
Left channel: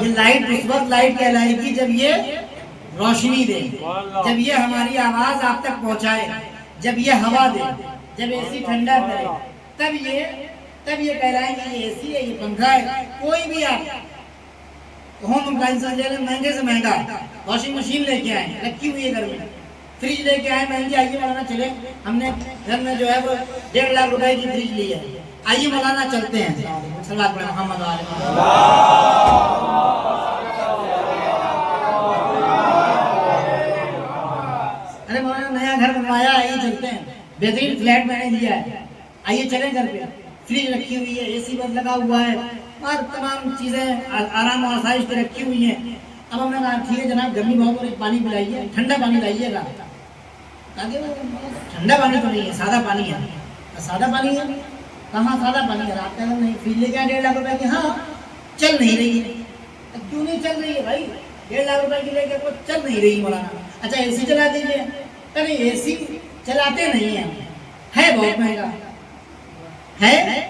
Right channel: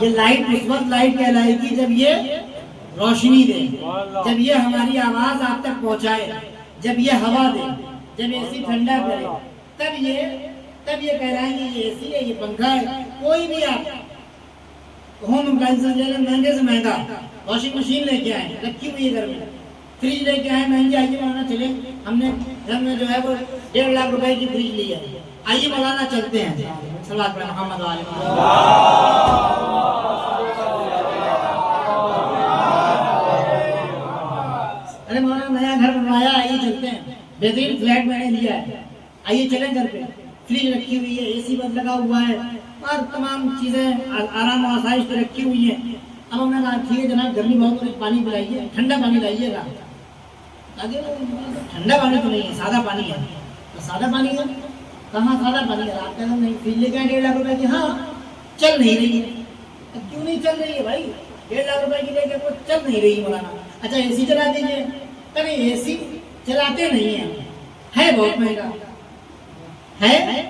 یہ لائٹ اس وقت لائٹ کہلائے گی جب یہ روشنی دے، جب یہ ہماری آواز آپ تک پہنچائے، جب یہ ہوا دے، جب اے سی ٹھنڈا کرے، تب یہ کہلائیں گے یہ اے سی ہے، یہ پنکھا ہے. کوئی بھی آپ ہوم اپلائنسز لے لیں، مہنگے سے مہنگا، واشنگ مشین لے کے آئیں رکھی ہوئی ہے گھر میں، فریج لے کے آئے مہنگی، آئیے مولانا چلے، ہم نے گھر میں جو ہے وہ 1.5 لاکھ روپے کی فریج لی ہے، آئیے مولانا چلتے ہیں. صلوات پڑھیں محمد علیہ. ارے مولانا نیا گھر بنوایا، آئیے چلتے ہیں، بہترین فلیٹ میں نے لیا ہے، آئیے چلیں گھر پہ. فریج رکھی ہوئی ہے، اے سی بس لگا ہوا ہے، اور تمام چیزیں آرام و آسائش پہ رکھی ہوئی ہیں. اب ہم نے کہا ٹھیک ہے جناب، گرمی بہت ہے، پانی پلائیے، ٹھنڈا پانی لائیے گا. ٹھنڈا پانی تو نہیں ہے، سادہ پانی ہے. سادہ پانی ہے؟ کہاں سادہ پانی ہے؟ آپ کہنا نہیں، فریج لے کے 1.5 لاکھ روپے کی، ہاں چل نہیں رہی ہے. کیوں نہیں چل رہی ہے بھائی؟ 1.5 لاکھ روپے کی لے کے کوئی چل نہیں رہی مولانا. اچھا اے سی چلا دیجیے. ارے اے سی چلاتے نہیں ہیں، ہے بہت مہنگا، ہے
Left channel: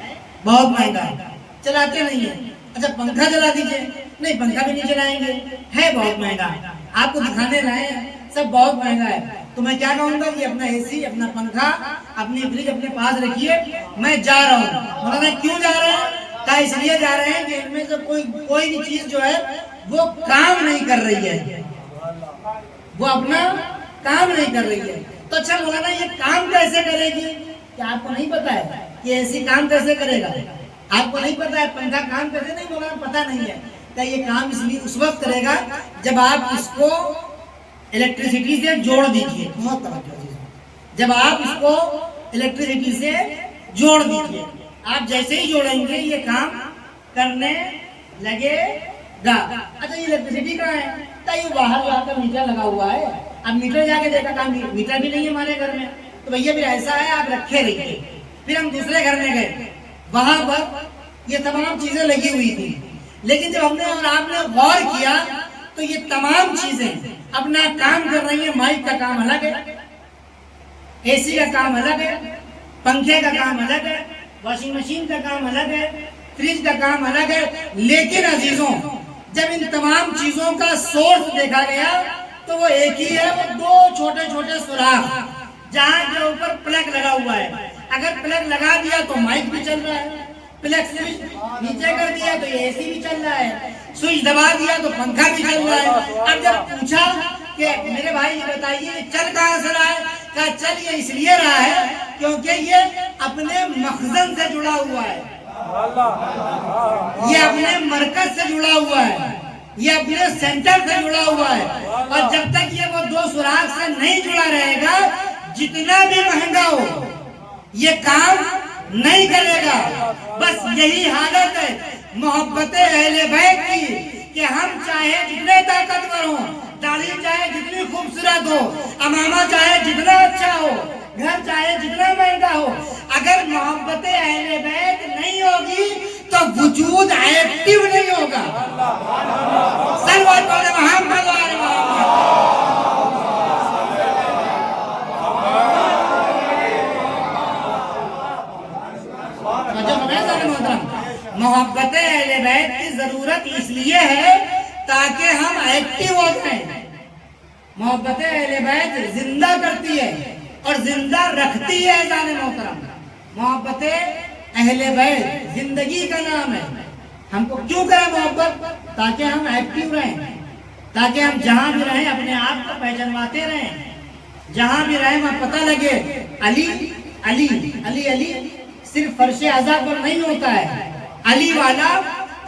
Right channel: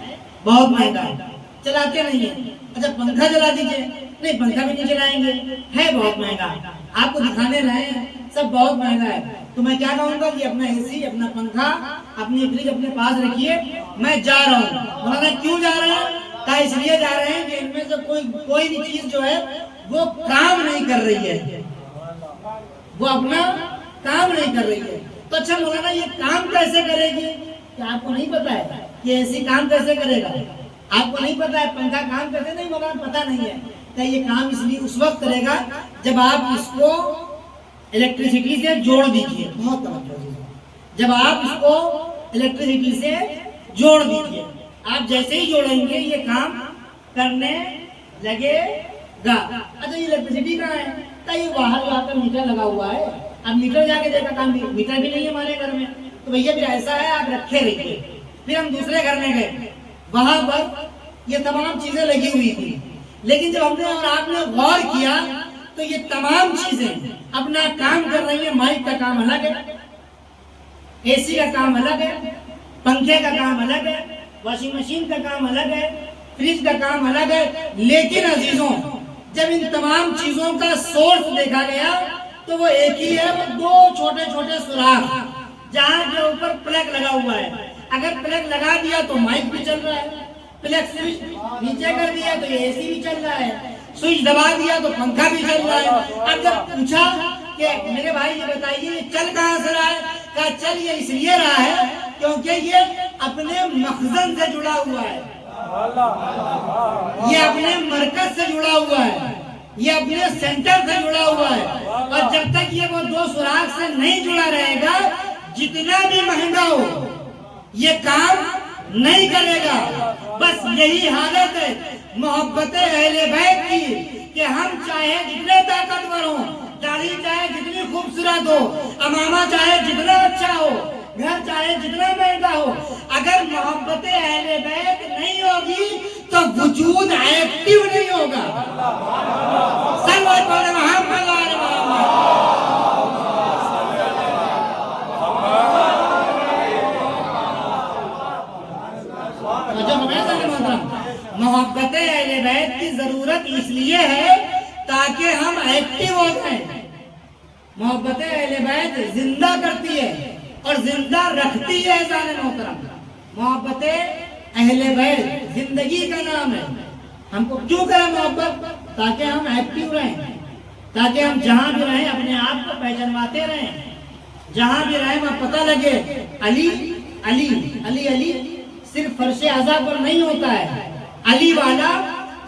بہت مہنگا، چلاتے نہیں ہیں. اچھا پنکھا چلا دیجیے. نہیں پنکھا بھی نہیں چلائیں گے، ہے بہت مہنگا، آپ کو دکھانے لائے ہیں، سب بہت مہنگا ہے. تو میں کیا کہوں گا کہ اپنا اے سی، اپنا پنکھا، اپنی فریج اپنے پاس رکھیے، میں جا رہا ہوں. مولانا کیوں جا رہے ہیں؟ کہا اس لیے جا رہے ہیں کہ ان میں سے کوئی بھی چیز جو ہے وہ کام نہیں کر رہی ہے، وہ اپنا کام نہیں کر رہی ہے. تو اچھا مولانا یہ کام کیسے کرے گی؟ کیا آپ کو نہیں پتا ہے کہ اے سی کام کیسے کرے گا؟ آپ کو نہیں پتا ہے پنکھا کام کیسے؟ نہیں مولانا پتا نہیں ہے. کہ یہ کام اس لیے اس وقت کرے گا جب آپ اس کو الیکٹریسٹی سے جوڑ دیجیے. بہت توجہ، جب آپ اس کو الیکٹریسٹی سے جوڑ دیجیے، آپ جیسے ہی جوڑیں گے یہ کام کرنے لگے گا. اچھا یہ الیکٹریسٹی کہاں ہے؟ تو یہ باہر جا کر میٹر لگا ہوا ہے. اب میٹر جا کے دیکھا کام، میٹر بھی نہیں ہے ہمارے گھر میں. تو بھیا پھر ایسا ہے آپ رکھے رہیے. پھر ہم دوسرے گھر میں گئے، وہاں پر یہ تمام چیزیں لگی ہوئی تھی. لیکن جب ہم نے اور آپ نے غور کیا تو یہ تمام چیزیں اپنا کام کر رہی ہیں. مائک کا کام الگ ہے، اے سی کا کام الگ ہے، پنکھے کا کام الگ ہے، واشنگ مشین کا کام الگ ہے، فریج کا کام الگ ہے. لیکن عزیزوں جب ان تمام چیزوں کا سورس دیکھا گیا تو وہ ایک ہی ہے، وہ 2 چھوٹے چھوٹے سوراخ جہاں کے اوپر پلگ لگا ہوا ہے. اگر پلگ لگا دیا تو مائک بھی چل رہا ہے، پلگ سوئچ نیچے کر دیا تو یہ اے سی بھی چل رہا ہے، سوئچ دبا دیا تو پنکھا بھی چل رہا ہے۔ اب جب پوچھا کہ میرے بھائی یہ بتائیے یہ چل کہاں سے رہا ہے؟ کہا چل یہ اس لیے رہا ہے کیونکہ یہ اپنے مخزن سے جڑا ہوا ہے، یہ اپنے مرکز سے جڑا ہوا ہے، یہ اپنے سینٹر سے جڑا ہوا ہے، اور جب تک یہ وہ دو سوراخ سے نہیں جڑا رہے گا جتنا بھی مہنگا ہو یہ کام نہیں کرے گا۔ بس یہی حالت ہے محبت اہل بیت کی کہ ہم چاہے جتنے طاقتور ہوں، داڑھی چاہے جتنی خوبصورت ہو، امامہ چاہے جتنا اچھا ہو، گھر چاہے جتنا مہنگا ہو، اگر محبت اہل بیت نہیں ہوگی تو وجود ایکٹیو نہیں ہوگا۔ صلوات علی محمد و آل محمد۔ محبت اہل بیت کی ضرورت اس لیے ہے تاکہ ہم ایکٹیو ہو جائیں۔ محبت اہل بیت زندہ کرتی ہے اور زندہ رکھتی ہے اذان محترم۔ محبت اہل بیت زندگی کا نام ہے۔ ہم کو کیوں کریں محبت؟ تاکہ ہم ایکٹیو رہیں، تاکہ ہم جہاں بھی رہیں اپنے آپ کو پہچانواتے رہیں، جہاں بھی رہیں وہاں پتہ لگے علی علی علی علی صرف فرش ازا پر نہیں ہوتا ہے۔ علی والا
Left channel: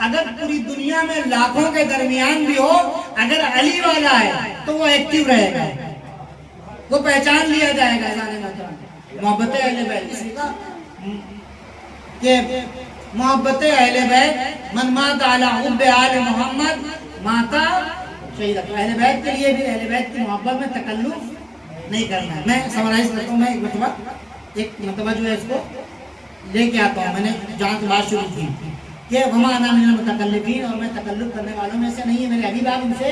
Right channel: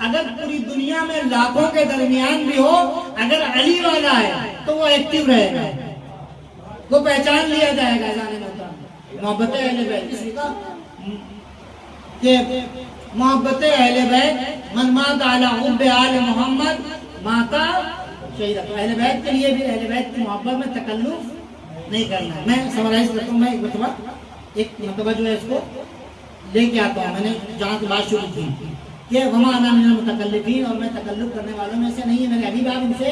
اگر پوری دنیا میں لاکھوں کے درمیان بھی ہو، اگر علی والا ہے تو وہ ایکٹیو رہے گا، وہ پہچان لیا جائے گا۔ محبت اہل بیت اس کا کہ محبت اہل بیت من مات علی حب آل محمد ماتا شہید۔ اہل بیت کے لیے بھی اہل بیت کی محبت میں تکلف نہیں کرنا ہے۔ میں سمرائز کرتا ہوں، میں ایک مرتبہ جو ہے اس کو لے کے آتا ہوں۔ میں نے جہاں سے بات شروع کی کہ وما انا من المتکلفین، اور میں تکلف کرنے والوں میں سے نہیں ہے، میرے ابھی آپ ان سے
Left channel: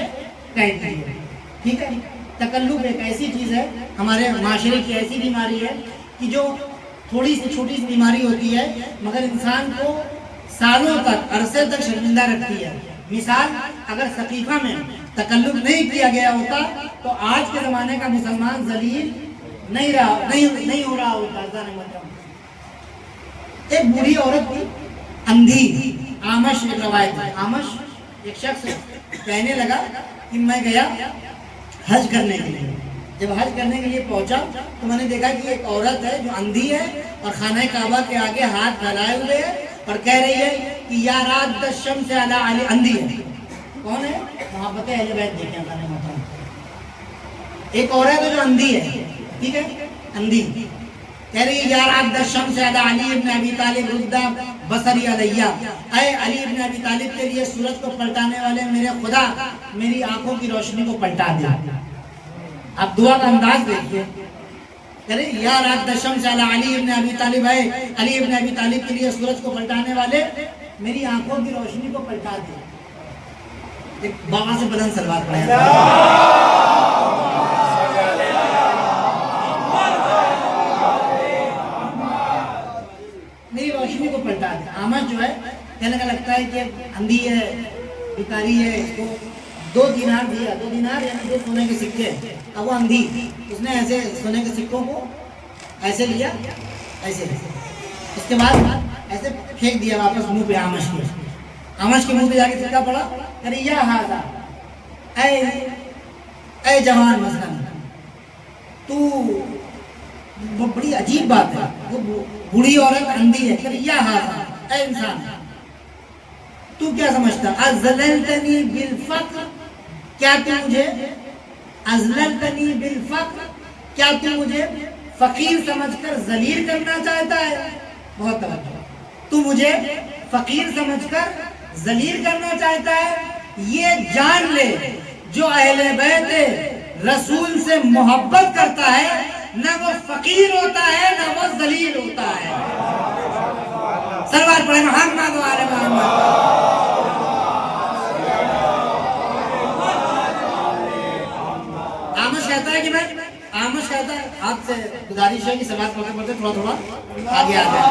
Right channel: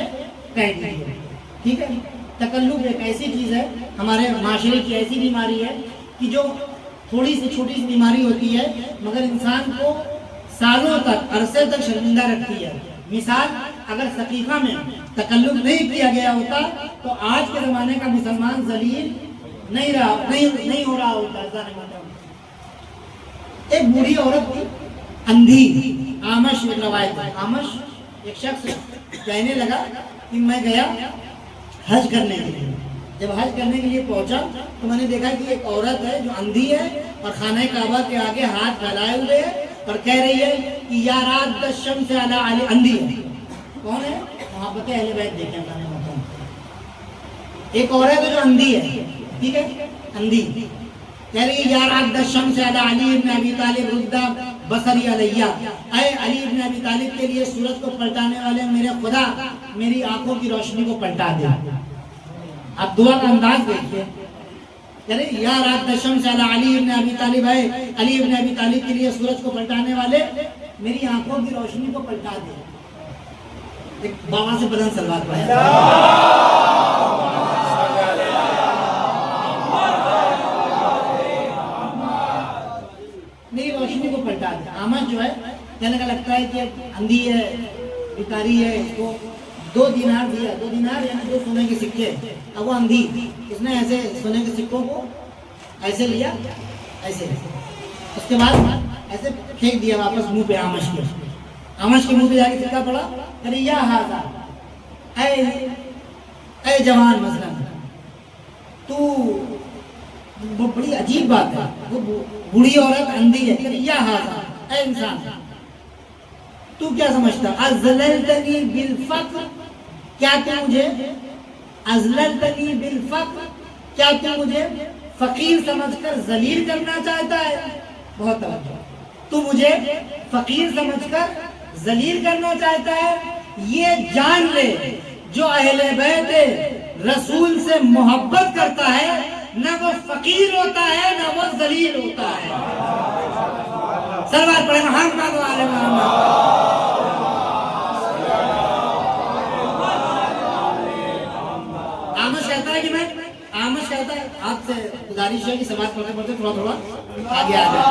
کہہ دیجیے، ٹھیک ہے۔ تکلف ایک ایسی چیز ہے، ہمارے معاشرے کی ایسی بیماری ہے کہ جو تھوڑی سی چھوٹی سی بیماری ہوتی ہے مگر انسان کو سالوں تک، عرصے تک شرمندہ رکھتی ہے۔ مثال، اگر ثقیفہ میں تکلف نہیں کیا گیا ہوتا تو آج کے زمانے کا مسلمان ذلیل نہیں ہو رہا ہوتا۔ ایک بوڑھی عورت تھی، اندھی، آمش ایک روایت ہے۔ آمش ایک شخص کہنے لگا کہ میں گیا حج کرنے کے لیے، جب حج کرنے کے لیے پہنچا تو میں نے دیکھا کہ ایک عورت ہے جو اندھی ہے اور خانہ کعبہ کے آگے ہاتھ پھیلائے ہوئے ہے اور کہہ رہی ہے کہ یا رات الشمس علی علی۔ اندھی ہے، کون ہے؟ محبت اہل بیت دیکھیں گے۔ ایک عورت ہے جو اندھی ہے، ٹھیک ہے، اندھی، کہہ رہی ہے یا رات الشمس علی علی ابن ابی طالب رد بصری علیہ، اے علی ابن ابی طالب کے لیے سورج کو پلٹانے والے میرے خدا میری آنکھوں کی روشنی کو پلٹا دیا۔ آپ دعا کا انداز دیکھیے، کہہ رہے یا رات الشمس علی علی ابن ابی طالب، ہے علی ابن ابی طالب کے لیے سورج کو پلٹانے والے میری آنکھوں کی روشنی کو پلٹا دیا۔ ایک بابا سے بلند سلوات پڑھیں۔ میری روشنی کو پلٹا دیا۔ آمد جو ہے کہنے کا لگتا ہے کہ اندھی ہے، بیکاری ہے، اس کو 2 دینار دیا، 2 دینار یعنی 2 سونے کے سکے، اب وہ اندھی، اس نے ایسے سونے کے سکوں کو ایسے لیا، ایسے، اس کے بعد ایسے پھینک دیا واپس منہ پہ آمش کے۔ آمش کے منہ پہ جا کے سکہ پڑا، ارے یا ہاذا، اے جوان، مثلا تو بڑی عجیب بات ہے، وہ بوڑھی عورت اندھی ہے، کہ یا ہاذا، اے انسان تو کیا سمجھتا؟ ازللتنی بالفقر، کیا تو مجھے ازللتنی بالفقر، کیا تو مجھے فقیر سمجھ کر ذلیل کرنا چاہتا ہے؟ بہت توجہ، تو مجھے فقیر سمجھ کر ذلیل کرنا چاہتا ہے؟ یہ جان لے جو اہل بیت رسول سے محبت کرتا ہے نہ وہ فقیر ہوتا ہے نہ وہ ذلیل ہوتا ہے۔ صلوات پڑھیں محمد و آل محمد۔ آمش کہتا ہے کہ میں آمش کہتا ہے آپ سے گزارش ہے کہ سماعت پڑھتے پڑھتے تھوڑا تھوڑا آگے آ جائے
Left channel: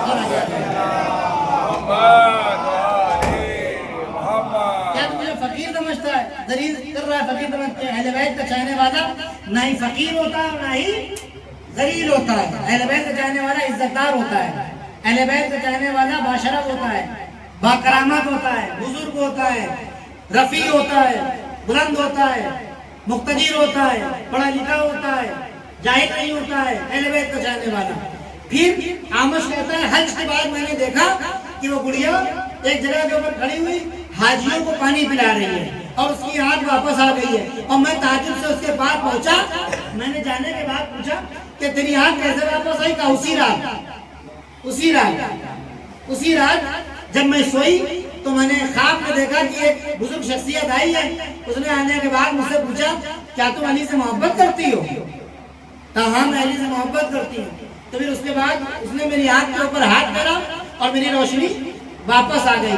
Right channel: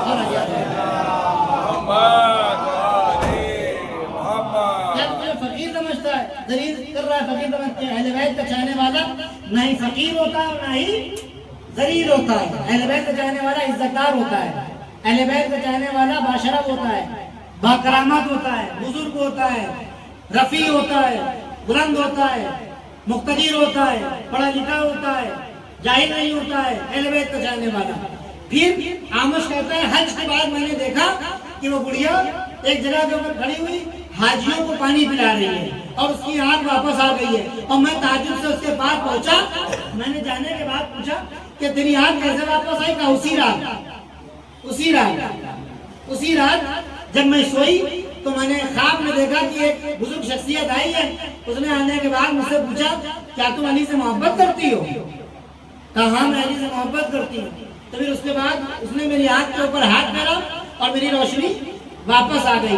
اور آگے آ جائے۔ کیا تو مجھے فقیر سمجھتا ہے، ذلیل کر رہا ہے، فقیر سمجھتے ہیں؟ اہل بیت کا چاہنے والا نہ ہی فقیر ہوتا ہے اور نہ ہی ذلیل ہوتا ہے، اہل بیت کا چاہنے والا عزت دار ہوتا ہے، اہل بیت کا چاہنے والا باشرف ہوتا ہے، باکرامت ہوتا ہے، بزرگ ہوتا ہے، رفیع ہوتا ہے، بلند ہوتا ہے، مقتدر ہوتا ہے، پڑھا لکھا ہوتا ہے، جاہل نہیں ہوتا ہے، اہل بیت کا چاہنے والا۔ پھر آمش کہتا ہے حج کے بعد میں نے دیکھا کہ وہ بڑھیا ایک جگہ کے اوپر کھڑی ہوئی حاجیوں کو پانی پلا رہی ہے اور اس کی آنکھ واپس آ گئی ہے، اور میں تعجب سے اس کے پاس پہنچا، میں نے جانے کے بعد پوچھا کہ تیری آنکھ کیسے واپس آئی؟ کہا اسی رات جب میں سوئی تو میں نے خواب میں دیکھا کہ ایک بزرگ شخصیت آئی ہے، اس نے آنے کے بعد مجھ سے پوچھا کیا تم علی سے محبت کرتی ہو؟ کہا ہاں میں علی سے محبت کرتی ہوں۔ تو پھر اس کے بعد اس نے میری آنکھ کے اوپر ہاتھ ڈالا اور میری روشنی واپس آ گئی۔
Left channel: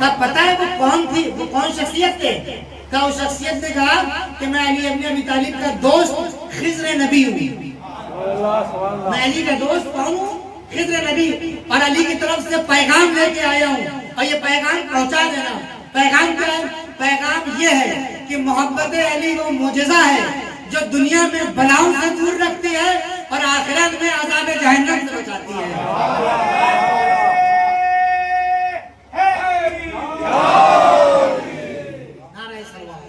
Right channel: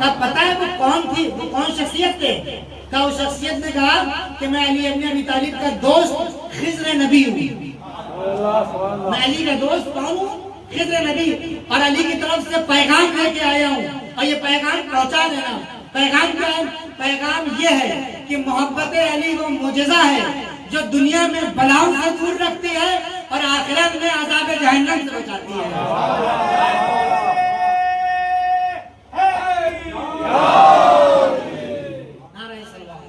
کہا پتہ ہے وہ کون تھی، وہ کون شخصیت تھے؟ کہا اس شخصیت نے کہا کہ میں علی ابن ابی طالب کا دوست خضر نبی ہوں۔ میں علی کا دوست کون ہوں؟ خضر نبی، اور علی کی طرف سے پیغام لے کے آیا ہوں، اور یہ پیغام پہنچا دینا۔ پیغام کیا ہے؟ پیغام یہ ہے کہ محبت علی وہ معجزہ ہے جو دنیا میں بلاؤں سے دور رکھتی ہے اور آخرت میں عذاب جہنم سے بچاتی ہے۔ نعرہ صلوات۔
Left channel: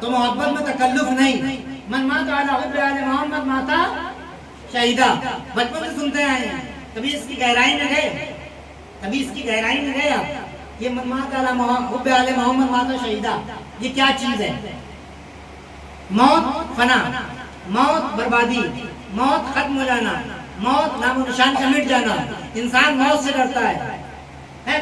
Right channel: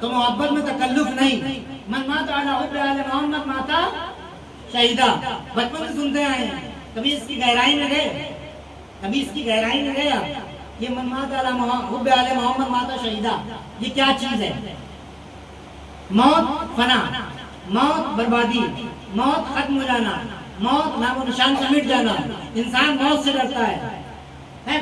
تو محبت میں تکلف نہیں۔ من مات علی حب آل محمد ماتا شہیدہ، بچپن سے سنتے آئے ہیں، کبھی اس کی گہرائی میں گئے آپ؟ یہ من مات علی حب آل محمد ماتا شہیدہ، یہ کیا چیز ہے؟ موت فنا، موت بربادی، موت ختم ہو جانا، موت نام و نشان سے مٹ جانا، انسان موت سے ڈرتا ہے۔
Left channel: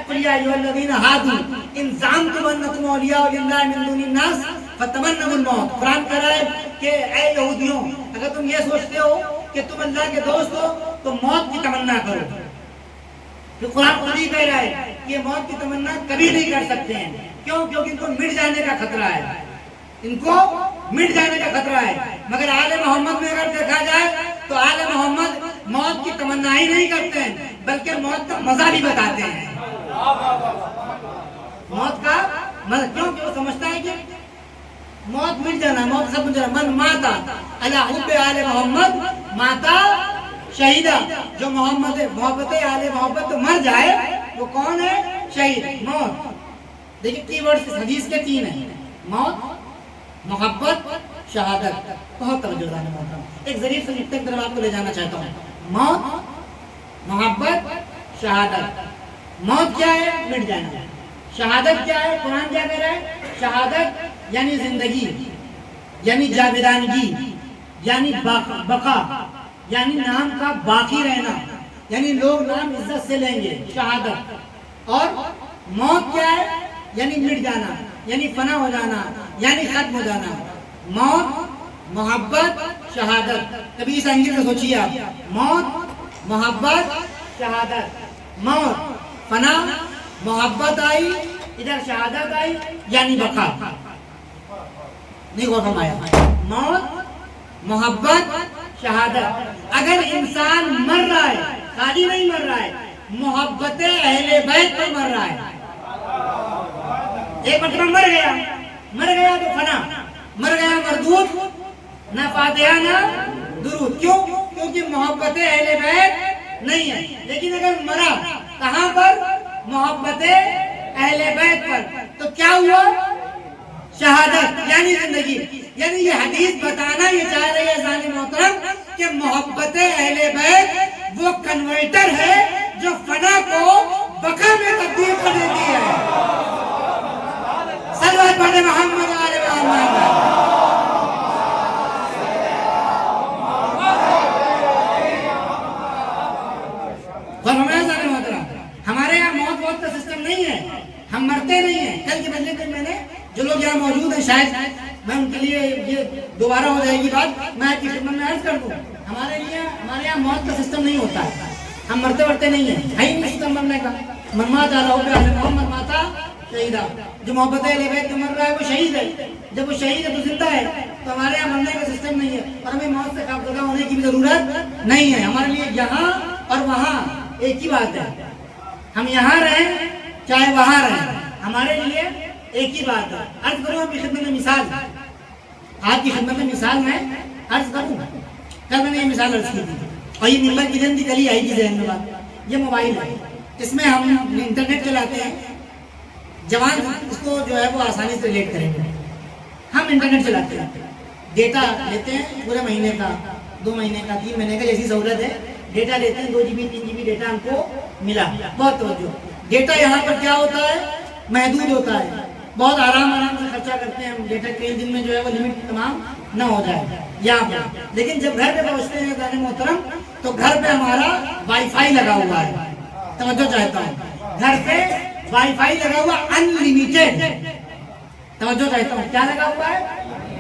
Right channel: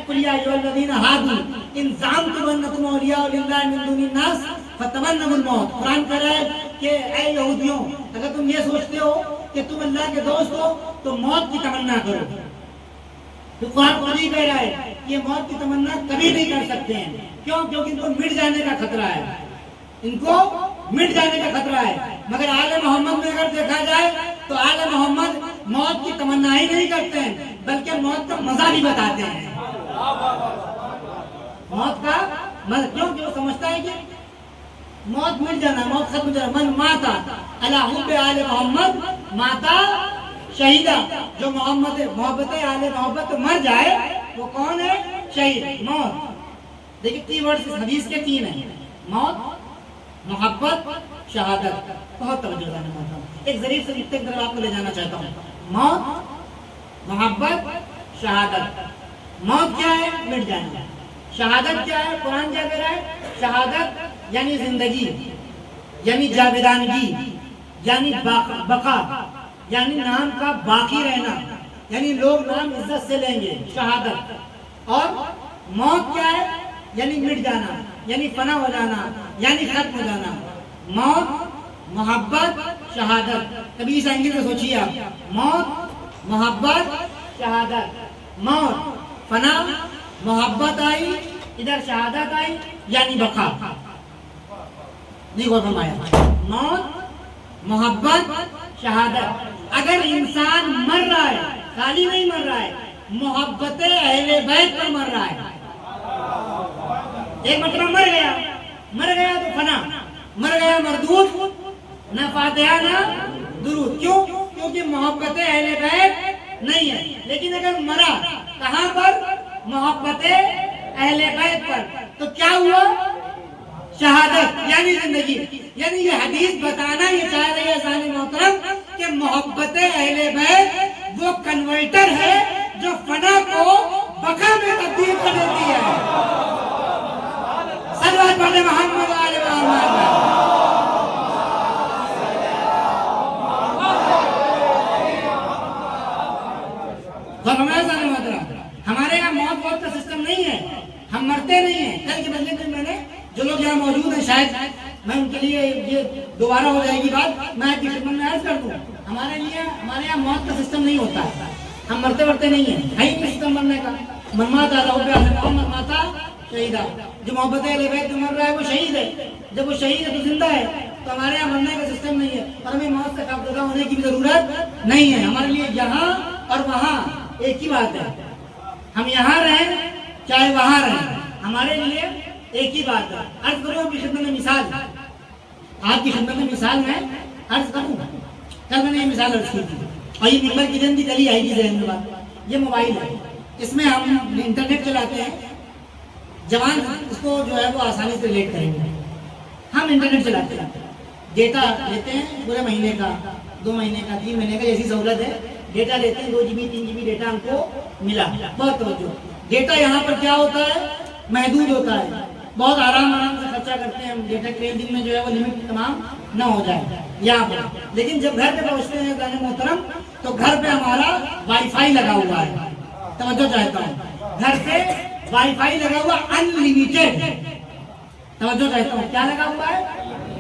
قُلْ يَا أَيُّهَا الَّذِينَ هَادُوا إِن زَعَمْتُمْ أَنَّكُمْ أَوْلِيَاءُ لِلَّهِ مِن دُونِ النَّاسِ فَتَمَنَّوُا الْمَوْتَ۔ قرآن کہہ رہا ہے کہ اے یہودیوں، اگر تم یہ سوچتے ہو کہ تم اللہ کے دوست ہو تو موت کی تمنا کرو۔ تو قرآن خود ہی کہہ رہا ہے کہ یہ موت کی تمنا کبھی نہیں کر سکتے ہیں۔ کیوں؟ کیونکہ ان کو مٹ جانے کا خطرہ ہے، ان کو مٹ جانے کا خطرہ ہے۔ مگر آل محمد میں اگر دیکھا جائے تو آل محمد موت کی تمنا ہی نہیں کرتے ہیں بلکہ موت کا مزہ بھی بتاتے ہیں۔ موت کا مزہ، کیوں کہ وہ سمجھتا ہے کہ موت مٹ جانا، موت سب مٹ جانا۔ من ماتا علی حب آل محمد ماتا شہیدہ، جو محبت آل محبت مر جائے وہ کون ہے؟ شہید، موت۔ دیکھیں تین ورڈ اس حدیث کے تین ہیں، موت، محبت، شہادت۔ بہت توجہ ہے موت۔ ایک ظریف سے نقطے کی طرف آپ کو لے جانا چاہتا ہوں۔ موت، محبت، شہادت۔ موت کیا ہے؟ مٹ جانا۔ شہادت کیا ہے؟ قرآن کیا کہہ رہا ہے؟ شہادت یعنی زندگی، یعنی جاویدانگی، یعنی بقا، یعنی نام کا باقی رہنا، یعنی لوگ نام عزت سے لیں گے، شہادت۔ اور موت کیا ہے؟ یعنی مٹ جانا، یعنی فنا ہو جانا، یعنی ختم ہو جانا۔ موت، محبت، شہادت۔ کبھی اس اینگل سے سوچیے آپ، موت، محبت، شہادت۔ موت، فنا، محبت آئی، ادھر شہادت آئی، یعنی بقا۔ نہیں غور فرمایا؟ موت، محبت، شہادت۔ اگر انسان مر رہا ہے، خالی نہیں مر رہا ہے، محبت اہل بیت پر مر رہا ہے۔ ایک مطلب مر گیا تو فنا، مر گیا مردود، نہ فاتحہ نہ درود۔ کیوں؟ کیونکہ محبت اہل بیت نہیں ہے۔ لیکن اگر مرا کہاں پر؟ محبت اہل بیت پر، تو کیا ہوا؟ شہادت یعنی زندگی۔ یعنی یہ حدیث بتانا یہ چاہ رہے ہیں ظالم محترم کہ محبت اہل بیت وہ کنورٹر ہے جو فنا کو بقا میں تبدیل کر دیتی ہے۔ صلوات پڑھیں محمد آل محمد۔ ہمارے یہاں موت کا سسٹم نہیں ہے، ہم مرتے نہیں ہیں۔ کل کے بجے میں نے جو لوگ یہاں موجود ہیں، شاید میں ان کے لیے یہ دوبارہ ہو جائے گی بات، میں آپ کی خدمت میں عرض کر دوں، ہمارے یہاں موت کا سسٹم نہیں ہوتا ہے، ہم مرتے نہیں ہیں، ہے ہی نہیں سسٹم مرنے کا۔ من مات علی حب آل محمد ماتا شہیدہ، جو محبت اہل بیت میں مر رہا ہے وہ شہید ہے۔ جب وہ شہید ہے تو زندہ ہے، تو ہمارے یہاں مرنے کا سسٹم نہیں ہے، اور ہمیں موت سے خوفزدہ ہونے کی بھی ضرورت نہیں ہے۔ ہمارے لیے یہاں اور وہاں ایک ہی بات ہے، ہم یہاں رہیں چاہے وہاں رہیں، ہمارے لیے ایک ہی بات ہے. عرض کروں آپ کی خدمت میں مثال، آپ کی خدمت میں مثال میں عرض کروں. کل میں نے یہ مثال عرض کی تھی اور یہ ممبر کی جلدی چلی آئی تھی ذہن میں بات. یہ موبائل ہے، اس میں ہم انٹرنیٹ چلاتے ہیں. جوان اس کو جو ہے وہ آسانی سے ریلیٹ کریں گے. ہم انٹرنیٹ چلاتے ہیں، ڈیٹا لیتے ہیں پورے مہینے کا، 2 مہینے کا، 3 مہینے کا، جیسی سہولت ہے. ڈیٹا لیتے ہیں 2 GB 3 GB ڈیٹا ہم کو ملا. بہت توجہ، ڈیٹا یہاں پر کیا ہوتا ہے؟ محدود ہوتا ہے. بہت آرام سے خرچہ کرتے ہیں ہم ڈیٹا کے. دن میں جو ہے وہ لمٹ تمام نہ ہو جائے یہاں پر. لیکن جب گھر پہ پہنچتے ہیں عزیز محترم تو گھر پہ ہمارا وائی فائی لگا ہوا ہے. توجہ چاہتا ہوں، گھر پہ وائی فائی لگا ہوا ان لمیٹڈ. توجہ چاہتا ہوں، کیا لگا ہوا ہے؟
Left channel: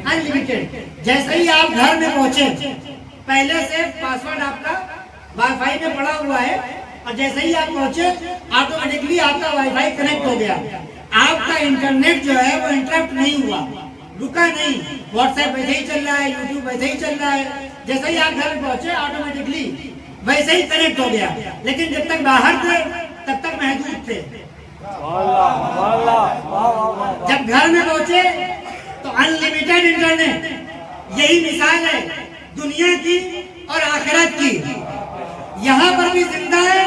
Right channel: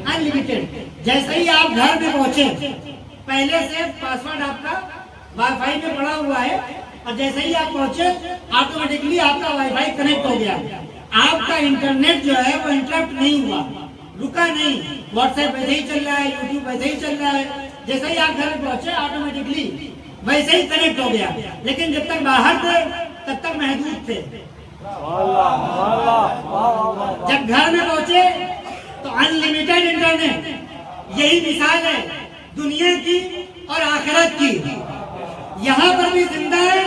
ان لمیٹڈ. جیسے ہی آپ گھر میں پہنچے، پہلے سے پاسورڈ آپ کا وائی فائی میں پڑا ہوا ہے اور جیسے ہی آپ پہنچے آٹومیٹکلی آپ کا وائی فائی کنیکٹ ہو گیا. آپ کا انٹرنیٹ جو ہے وہ انٹرپٹ نہیں ہوا، رکا نہیں. واٹس ایپ ویسے ہی چل رہا ہے، یوٹیوب ویسے ہی چل رہا ہے. جیسے ہی آپ گھر میں پہنچے آٹومیٹکلی ویسے ہی کنیکٹ ہو گیا. لیکن جب تک باہر تھے تب تک محدود تھے. جب گھر میں پہنچے تو ان لمیٹڈ انٹرنیٹ. یہی مثال ہے دنیا کی اور آخرت کی. یہاں پر بھی زندہ ہے،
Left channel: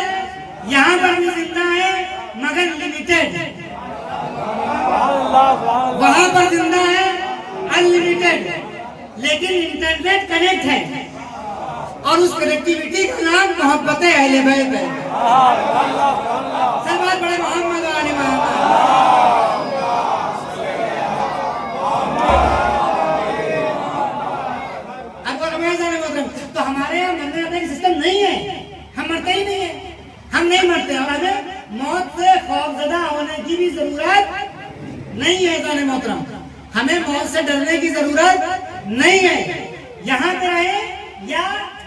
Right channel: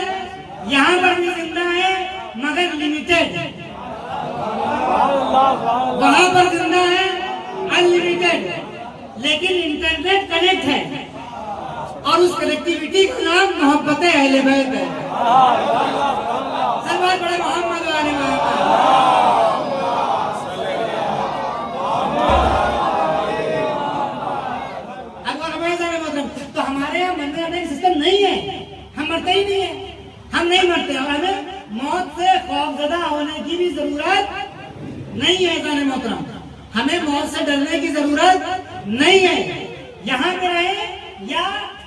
یہاں پر بھی زندہ ہے مگر لمیٹڈ. وہاں پر زندہ ہے ان لمیٹڈ، لیکن انٹرنیٹ کنیکٹ ہے اور اس کنیکٹیوٹی کا نام محبت اہل بیت ہے. سب بات بڑے محمد و آل محمد. تو ہمارے یہاں مرنے کا سسٹم نہیں ہے. ہم مرتے ہی نہیں ہیں، ہم نہیں مرتے اور ہمیں موت سے خوفزدہ ہونے کی بھی ضرورت نہیں ہے. عزیز محترم، ہمیں موت سے ڈرنے کی ضرورت نہیں ہے. یہاں پہ رہے یا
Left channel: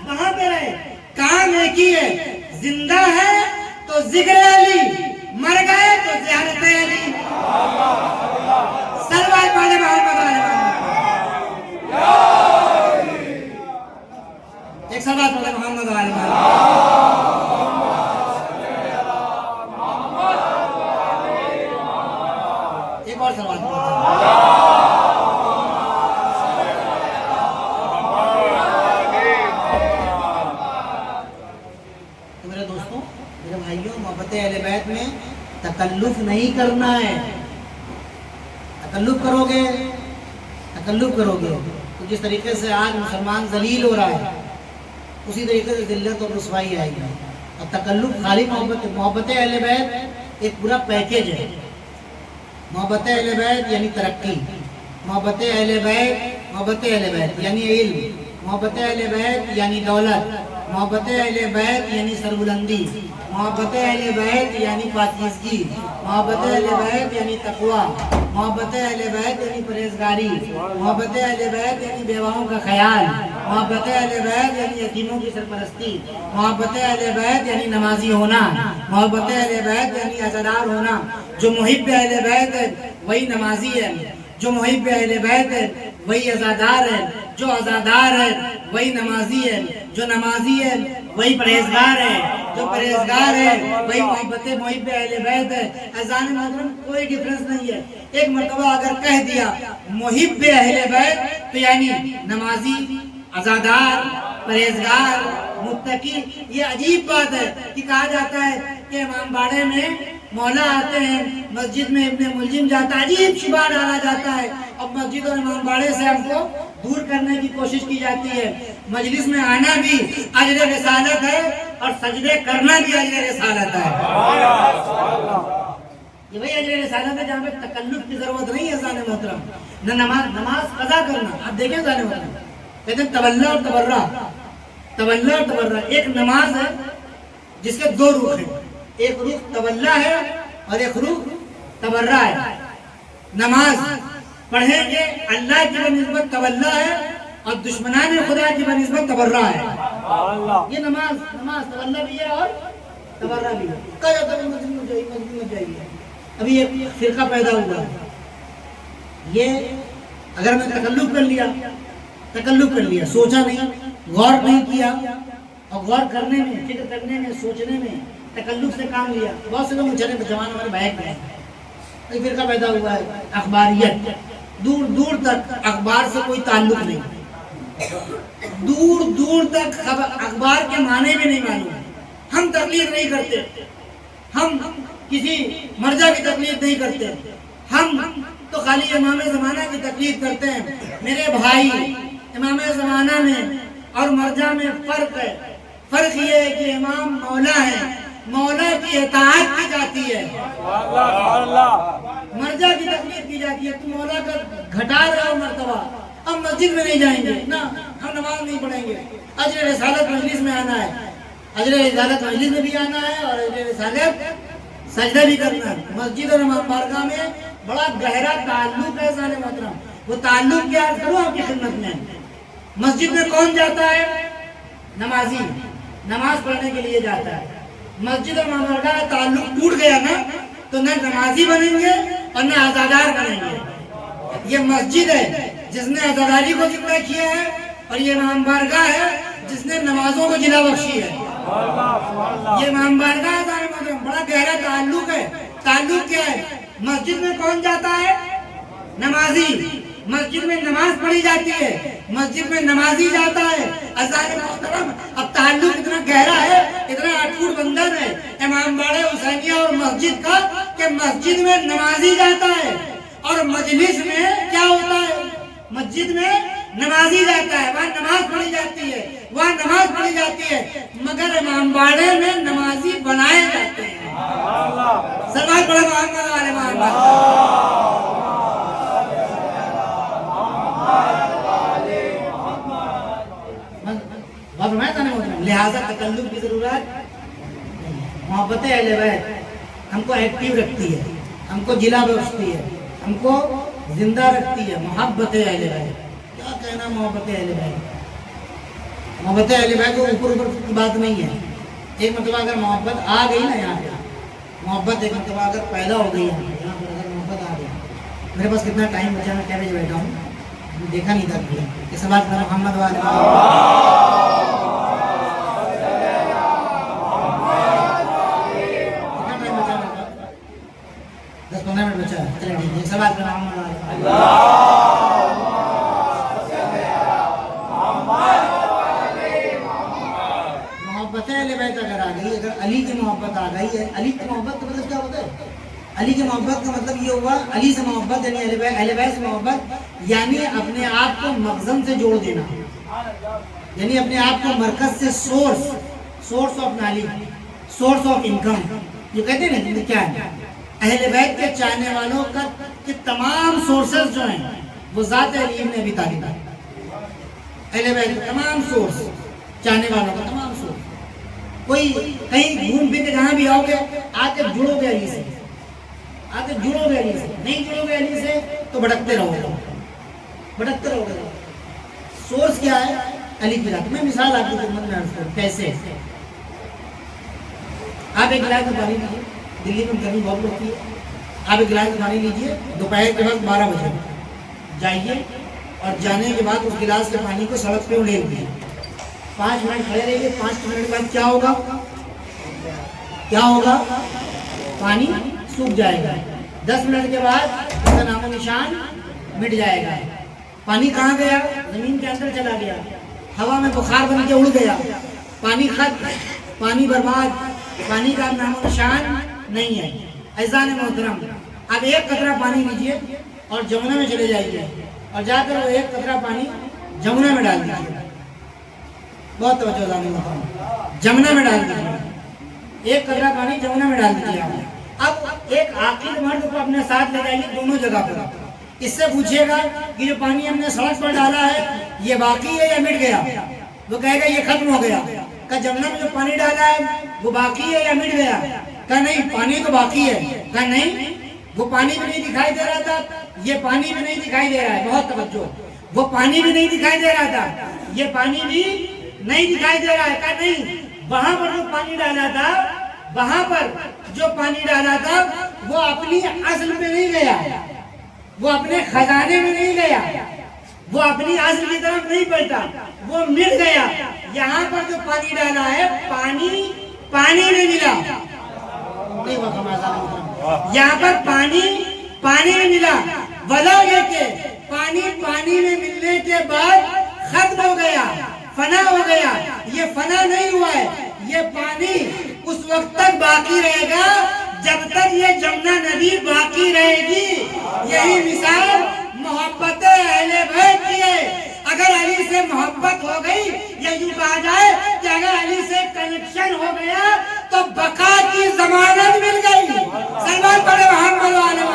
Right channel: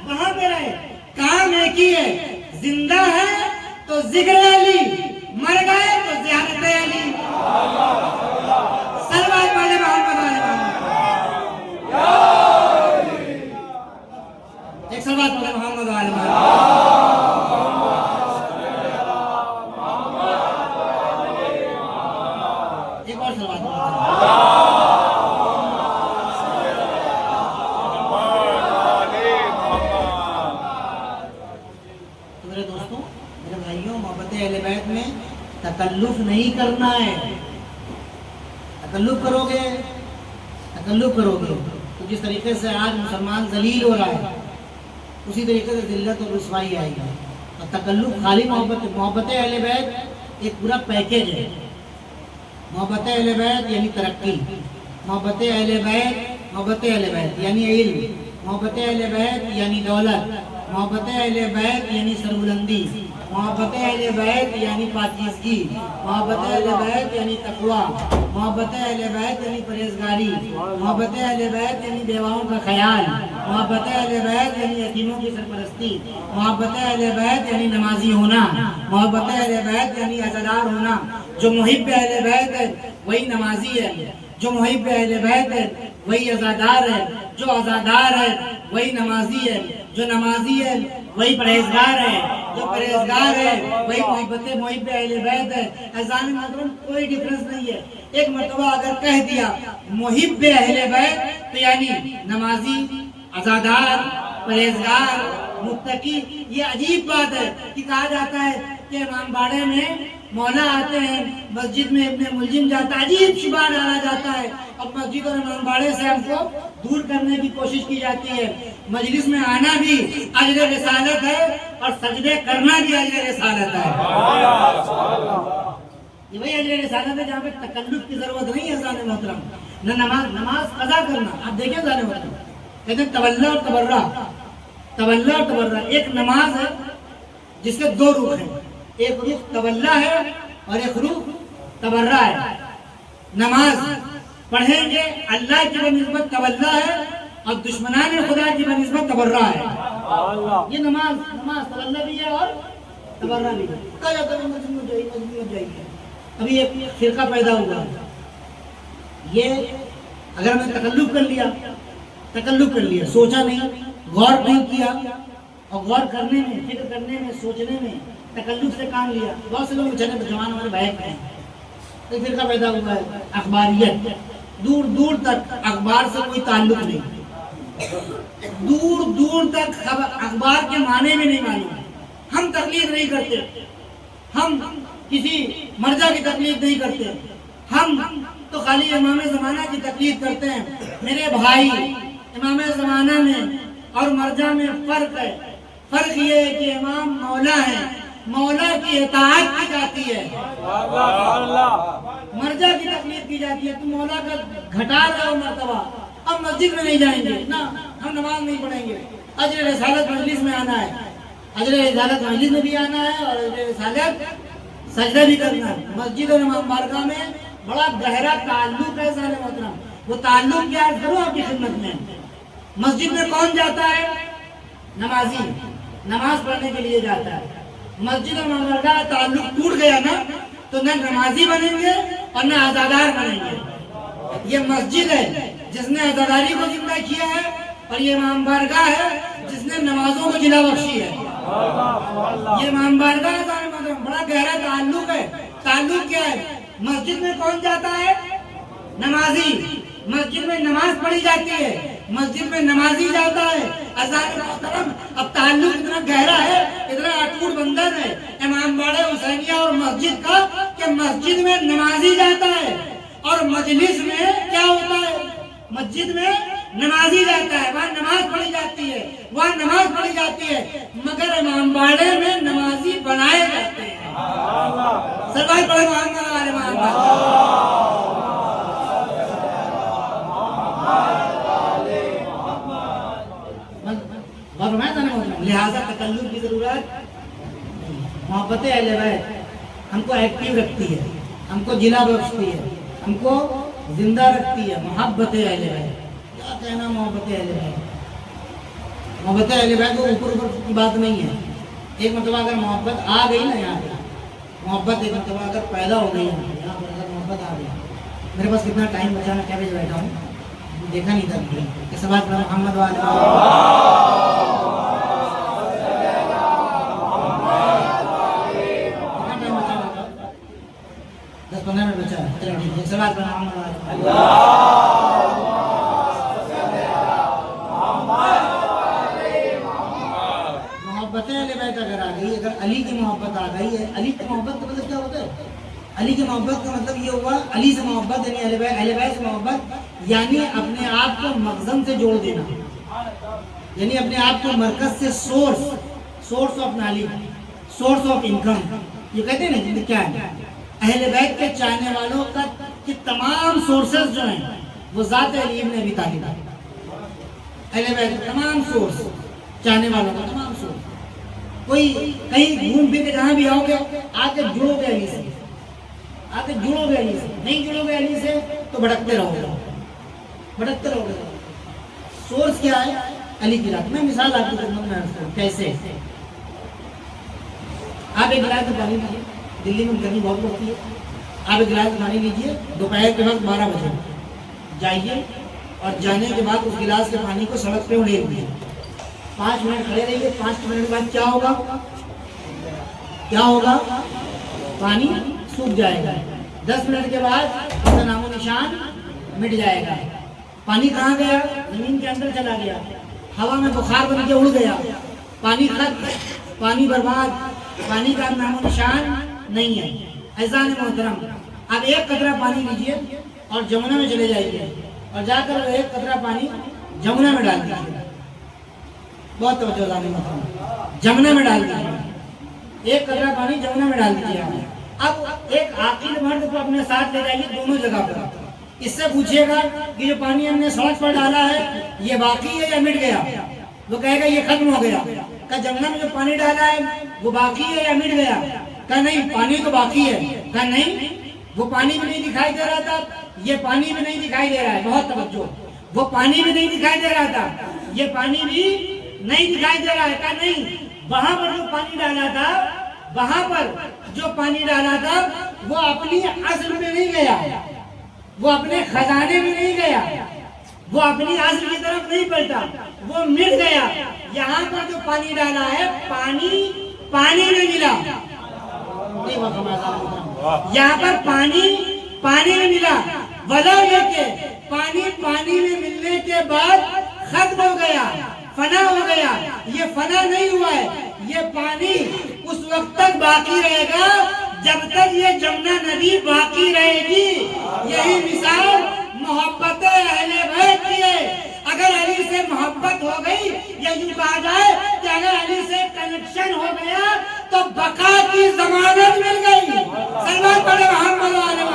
وہاں پہ رہے، کام ایک ہی ہے. زندہ ہے تو ذکر علی، مر گئے تو زیارت علی. سلوات پڑھے محمد علیہ ایک سلوات پڑھے محمد علیہ. ایک اور سلوات پڑھے. اہل بیت میں تکلف نہیں کرنا ہے. تکلف کرو گے تو جس طریقے سے آج مسلمان ذلیل ہو رہا ہے اسی طریقے سے ذلت اور رسوائی آئے گی. اور تکلف خالی محبت اہل بیت ایک پورا پیکیج ہے. محبت اہل بیت یعنی ترقی، محبت اہل بیت یعنی علم، محبت اہل بیت یعنی دولت، محبت اہل بیت یعنی سربلندی، محبت اہل بیت یعنی پاکیزگی، محبت اہل بیت یعنی تقوی، محبت اہل بیت یعنی پرہیزگاری، محبت اہل بیت یعنی بیواؤں کا خیال، محبت اہل بیت یعنی یتیموں کی سرپرستی، محبت اہل بیت یعنی نمازی ہونا، محبت اہل بیت یعنی عزادار ہونا. جو محب اہل بیت ہے وہی نمازی ہے، جو محب اہل بیت ہے وہی عزادار ہے، جو عزادار ہے وہی نمازی ہے، جو نمازی ہے وہی پرہیزگار ہے، جو پرہیزگار ہے وہی محب اہل بیت ہے. اذان محترم کوئی ڈفرنس نہیں ہے. ایک مرتبہ اگر کہہ دیا محب اہل بیت تو یعنی نمازی، عزادار، پرہیزگار، متقی. یہ عجیب بات ہے کہ کہا جاتا ہے کہ امام باڑے میں مولا آتے ہیں، مسجد میں ابن ملجم جاتا ہے، عجیب شبہ ڈالا جاتا ہے اور مسجد اور امام باڑے سے ہم کو دور کرنے کی کوشش کی جاتی ہے. مجلس میں آنا بھی اجر رسالت ہے اور سجدے کرنا بھی اجر رسالت ہے. یہ وہی اجر رسالت ہے جہاں پہ تکلف کی ضرورت نہیں ہے. عزیز محترم، نہ نماز قضا کرنا. آپ دیکھیں عزیز محترم، کہتے ہیں تولا اور تبرع. ایک نماز ہے جس کے 2 رخ ہیں، ایک رخ تولا ہے اور ایک رخ تبرع ہے. نماز پڑھیں گے اللہ کی بنسبت تولا ہے اور دشمنان خدا کی بنسبت تبرع ہے. یہ نماز تولا بھی ہے اور تبرع بھی ہے. ابھی ایک فرقہ پیدا ہوا ہے. یہ اگر میں تکلف کر لیا، سوچا نہیں، غور نہیں کیا، اور غور کرنے میں، فکر کرنے میں، سوچنے میں تکلف سے کام لیا. بہت سے لوگ جوان ہمارے بھائی ہیں، ایک فرقہ پیدا ہوا ہے اخباریت، دور دور تک اخبار سے کوئی تعلق نہیں، دور دور تک اخبار کے معنی بھی نہیں معلوم، ہم تقلید نہیں کرتے، ہم کسی مرجع کی تقلید نہیں کرتے، ہم تو خالی امام زمانہ کی تقلید کرتے ہیں۔ میرے بھائی، امام زمانہ میں اور مرجع میں فرق ہے، فرق یہ ہے کہ امام مولا ہے، مولا کی اطاعت کی جاتی ہے، مرجع کی تقلید کی جاتی ہے۔ تم مولا کا گھٹا رہے ہو مرتبہ، ہم مسجد میں نہیں جائیں گے نا، ہم نماز نہیں پڑھیں گے، اجر رسالت مجلس میں آنا ہے، اجر رسالت مجلس میں بھی آنا ہے اور اجر رسالت سجدہ بھی کرنا ہے۔ مسجد اور بارگاہ میں بڑا گہرا تعلق ہے ذات محترم، وہ تعلق کیا کرو آپ کی خدمت میں۔ مسجد میں کون جاتا ہے؟ نمازی، نماز پڑھنے کے لیے جاتا ہے۔ مسجد اور بارگاہ کا تعلق ٹوٹ گیا نا تو نہ نمازی بنیں گے اور نہ عزادار بنیں گے۔ یہ مسجد ہے جس نے عزاداری کو زندہ کیا ہے اور یہ امام بارگاہ ہے جس نے نمازوں کو جلا بخشی ہے۔ یہ امام بارگاہ کا بڑا گہرا تعلق ہے۔ تعلق کیا ہے؟ مسجد میں کون جاتا ہے؟ نمازی، مسجد میں نماز پڑھی جاتی ہے، مسجد میں نمازی جاتا ہے۔ عزیزان محترم، اب تعلق اتنا گہرا ہے، اتنا اٹوٹ بندھن ہے امام باڑے حسینیہ اور مسجد کا کہ مسجد میں نمازی جاتا ہے اور مجلس میں کیا ہوتا ہے؟ مسجد میں نمازی جاتا ہے، وہاں نماز پڑھی جاتی ہے، وہاں نماز پڑھی جاتی ہے، مگر امام باڑے میں نمازی بنائے جاتے ہیں۔ سرکار بڑے محمد والے لہذا تکلف کی ضرورت، محبت اہل بیت ہم کو ایکٹیو رکھتی ہے، ہم کو جلا بخشتی ہے، ہم کو زندہ رکھتی ہے۔ محبت اہل بیت، کیا کہنا محبت اہل بیت؟ محبت اہل بیت کو اوپر اوپر کی بات نہیں ہے۔ ایک مرتبہ اگر محبت آ گئی نا یہاں پہ، محبت ایک مرتبہ اگر پیدا ہو گئی ہے یہاں پر، اگر محبت آ گئی، میرے پاس کتنا ٹائم بچا، میں کیا بجے بیٹھا ہوں دیکھا نہیں تھا کہ سب بات محمد والے 10-15 منٹ بچا، چلے ٹھیک ہے، سب بات محبت اہل بیت اگر آ گئی، اگر علی کی محبت آ گئی ہے، علی کی محبت کا مطلب کیا ہوتا ہے؟ علی کی محبت کا مطلب یہ ہوا، علی سے محبت یعنی اہل بیت سے محبت یعنی اپنے آپ کو مخزن سے جوڑ دینا، یعنی اپنے آپ کو مرکز سے source of knowledge, source of income, یہ کہتے ہیں نا کیا ہے؟ اہل بیت کے چاہنے والوں کا کہ تمام سورسز جو ہیں وہ ذات علی ابن ابی طالب ہے۔ اہل بیت کے تمام سورس، چاہنے والوں کا تمام سورس، کوئی کہیں گھوم پھر کے جہاں بھی آؤ گے آ کے جڑو گے علی سے، آ کے جڑو گے علی سے، نہیں جڑو گے علی سے تو بھٹکتے رہو گے، بھٹکتے رہو گے۔ سورس کیا ہے؟ علی کی ذات۔ میں مثال آپ کی خدمت میں عرض کروں کیسے۔ آپ ایک گلاس پانی لیجیے، دلی میں گرمی بہت پڑتی ہے، آپ ایک گلاس پانی لیجیے، دوپہر کے وقت 12 بجے جائیے اور جانے کے بعد اس گلاس کے پانی کو سڑک پہ اڑیل دیجیے، 5 منٹ کھڑے رہیے، 5 منٹ کے بعد کیا ہوگا؟ کیا ہوگا؟ پانی سوکھ جائے گا۔ 10 منٹ کے بعد اس کا نام و نشان مٹ جائے گا۔ پانی کہاں گیا؟ زمین کے اندر چلا گیا، ہوا میں بخار بن کے اڑ گیا، پانی ختم، پانی برباد، پانی کا نام و نشان نہیں ہے۔ عزیزان محترم، اب ایک قطرہ پانی لیجئے اور جمنا میں چلے جائیے اور جا کر وہ ایک قطرہ پانی جمنا میں ڈال دیجیے، بہت توجہ عزیزان محترم، جمنا میں ڈال دیجیے، ایک قطرہ پانی جمنا میں ڈال دیجیے۔ اب ایک عاقل مرد کو اپنے ساتھ لے جائیے دونوں جگہ پر، اس سے پوچھئے گا کہ جو پانی ہم نے سڑک پر ڈالا ہے یہ باقی ہے یا مٹ گیا؟ وہ کہے گا یہ ختم ہو گیا۔ کہ جمنا میں جو پانی ڈالا ہے وہ باقی ہے یا مٹ گیا؟ کہ نہیں پانی تو باقی ہے۔ کہ نہیں وہ پانی بھی نہیں دکھائی دے رہا تھا، یہ پانی بھی نہیں دکھائی دے رہا ہے، بہت توجہ، وہ پانی بھی نہیں دکھائی دے رہا تھا، یہ پانی بھی نہیں دکھائی دے رہا ہے۔ کہ نہیں وہاں پر جو پانی ڈالا تھا، وہاں پر جو پانی ڈالا تھا وہ اپنی اصل میں نہیں گیا، وہ اپنے خزانے میں نہیں گیا، وہ اپنی اصل کی طرف نہیں پلٹا، وہ مل گیا۔ یہاں پر جو پانی ڈالا ہے پانی نہیں ملا، یہاں پر پانی پانی نہیں ملا، ولا لے کے پانی میں ملنے کے بعد ختم ہو گیا، فنا ہو گیا. یہ فنا نہیں ہوا ہے، یہ پانی اس وقت تک باقی رہے گا جب تک یہ جمنا نبی باقی رہے گی. یہی مثال محبت اہل بیت کی ہے. اگر علی سے محبت ہو گئی، یہ یوں کہا جائے کہ اگر علی سے کنیکشن ہو گیا تو بقا کی ضمانت مل گئی. سلمان پڑھے محمد والے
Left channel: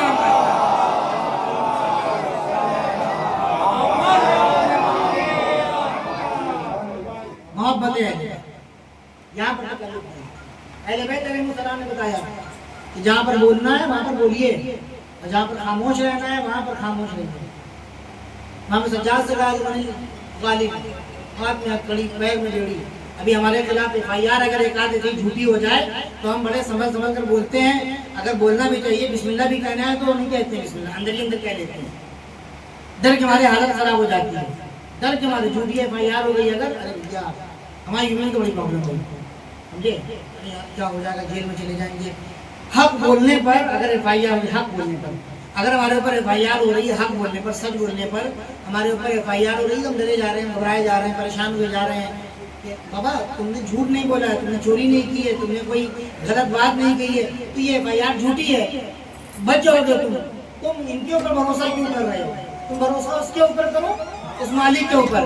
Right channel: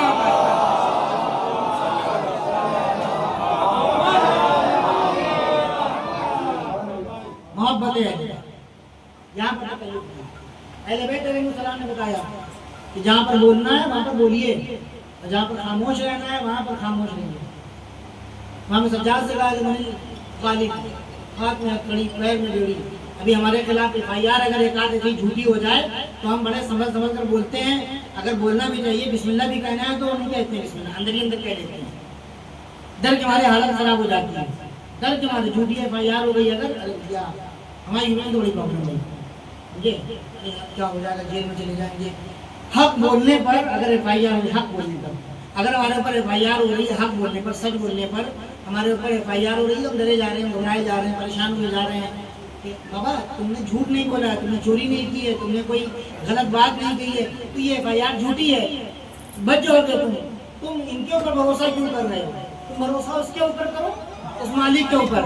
محبت ہے. یہاں پر اہل بیت علیہ السلام نے بتایا کہ جہاں پر بولنا ہے وہاں پر بولیے، اور جہاں پر خاموش رہنا ہے وہاں پر خاموش رہیے. وہاں پر سجاد سے کہا غالب ہاتھ میں کڑی پیر میں جوڑی. ابھی ہمارے خلاف FIR اگر ایک آدھ ایسی جھوٹی ہو جائے تو ہم بڑے سمجھ کر بولتے ہیں. اگر بولنا بھی چاہیے، بسم اللہ بھی کہنا ہے تو ہم نہیں کہتے ہیں بسم اللہ، اندر ہی اندر کہہ دیتے ہیں. ڈر کے ہماری حالت خراب ہو جاتی ہے. ڈر کے ہمارے جھوٹی FIR ہو گئی اگر ہماری ایمان تو بڑی پرابلم ہوئی. سمجھے کیا ہو جائے گا، جیل میں چلے جائیں گے. حق بولنے پر اگر FIR ہو، حق بولنے پر اگر ہمارے اوپر FIR ہو رہی ہے، حق بولنے پر، سچ بولنے پر ہمارے اوپر FIR ہو رہی ہے، ہم ڈرے جا رہے ہیں، گھبرائے جا رہے ہیں، پریشان ہوئے جا رہے ہیں کہ بابا تم نے جھوٹ نہیں بولا ہے، تم نے چوری نہیں کی ہے، تم نے کوئی غلط بات نہیں کہی ہے، تو یہ FIR جھوٹی ہے. بچ جاؤ گے تم ان کے اوپر بھروسہ کیوں کر رہے ہو؟ تم بھروسہ اس کے اوپر کرو، اس مالک کے اوپر.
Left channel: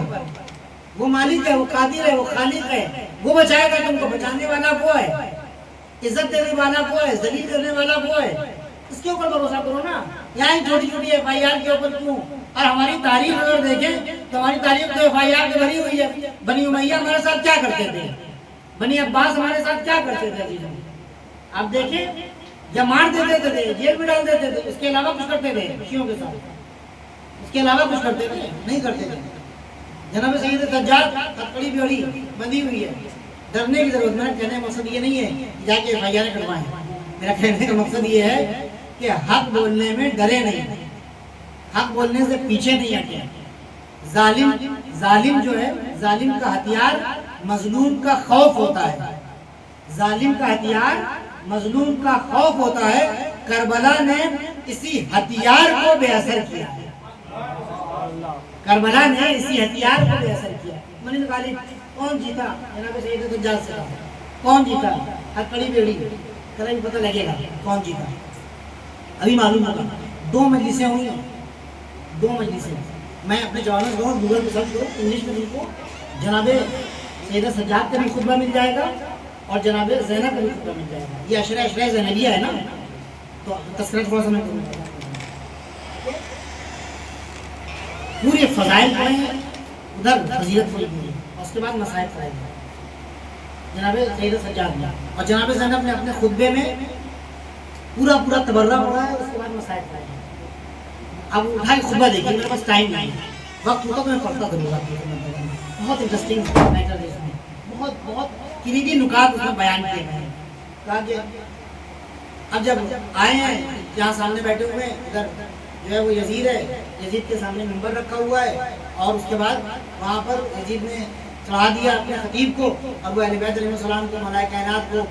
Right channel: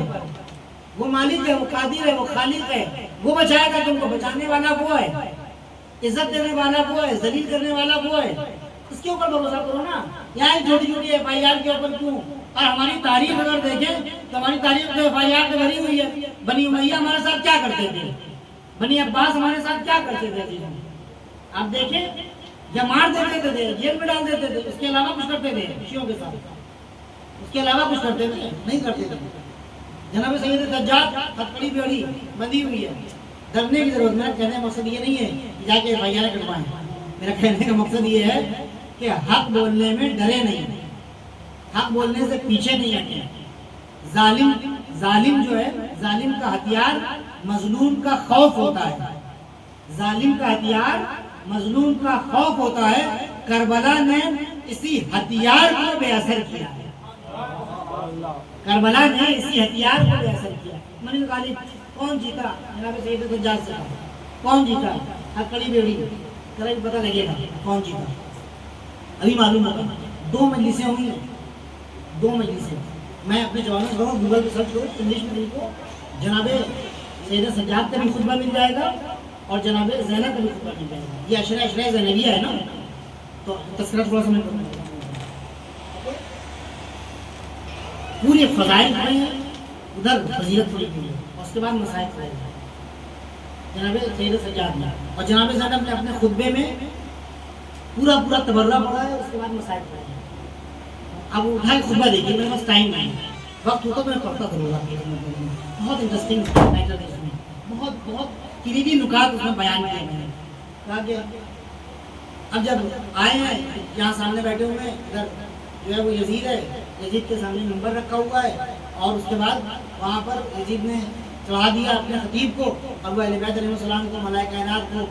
وہ مالک ہے، وہ قادر ہے، وہ خالق ہے، وہ بچائے گا تم کو. بچانے والا وہ ہے، عزت دینے والا وہ ہے، ذلیل کرنے والا وہ ہے. اس کے اوپر بھروسہ کرو نا. یہاں چھوٹی چھوٹی FIR کے اوپر کیوں؟ اور ہماری تاریخ اگر دیکھیں تو ہماری تاریخ تو FIR سے بھری ہوئی ہے. بنی امیہ ہمارے ساتھ کیا کرتے تھے، بنی عباس ہمارے ساتھ کیا کرتے تھے. آپ دیکھیں، جب مار دیتے تھے، جیل میں ڈال دیتے تھے، اس کے علاوہ کچھ کرتے تھے شیعوں کے ساتھ؟ اس کے علاوہ کچھ کرتے تھے؟ نہیں کرتے تھے. جناب سید سجاد ہتکڑی بیڑی بندھی ہوئی ہے. ڈرنے کی ضرورت. میرا کہنے کا مقصد یہ نہیں ہے کہ جا کے FIR کٹوائیں. میرا کہنے کا مقصد یہ ہے کہ حق بولنے میں ڈرے نہیں، حق بولنے سے پیچھے نہیں ہٹے. ظالم جو ہے، ظالم کا ہتھیار مظلوم کا خوف ہوتا ہے. ظالم کا ہتھیار مظلوم کا خوف ہوتا ہے. کربلا نے اسی ہتھیار کو بے اثر کیا. کربلا نے اسی ہتھیار کو بے اثر کیا. منی غالب کون جیتا؟ جناب سید سجاد سے کون جیتا؟ ہتکڑی بیڑی. کل بھی پتہ لگے گا کون جیتا، ابھی معلوم ہوگا. 2 مجلسیں ہوئی، 2 مجلسیں. میں اپنے جوانوں سے گوگل پہ سرچ کرو انگلش میں لکھو، جناب سید سجاد کا بھی خطبہ مل جائے گا اور جناب زینب کا بھی خطبہ مل جائے گا. یہ عشرہ زینبیہ ہے نا، تو تذکرہ تھوڑا سا میں کروں گا. پورے فضائل پڑھے ہیں، ادھر فضیلت پوری کی ہے، اس کے بعد مسائل پڑھے ہیں جناب سید سجاد نے. اور جناب زینب نے اپنے خطبے میں پورا تبرہ پڑھا ہے، اس کے بعد مسائل پڑھے ہیں. اب اٹھائے خطبہ دیکھیے، میرے پاس ٹائم نہیں ہے، وقت ہوتا تو میں پڑھتا ضرور. بہت انٹرسٹنگ میٹر ہے اس میں، بہت کلیدی نکات اس میں بیان کیے ہیں. کہا کہ اب جب آئے ہیں جہاں سامنے بیٹھے ہوئے ہیں، ادھر جو ہے وہ یزید ہے، یزید کے سامنے منبر رکھا ہوا ہے، اور اس کے بعد وہاں پر یزید نے چڑھا دیا اپنے خطیب کو، اور وہ اہل بیت علیہ السلام کو، ملائکہ کائنات کو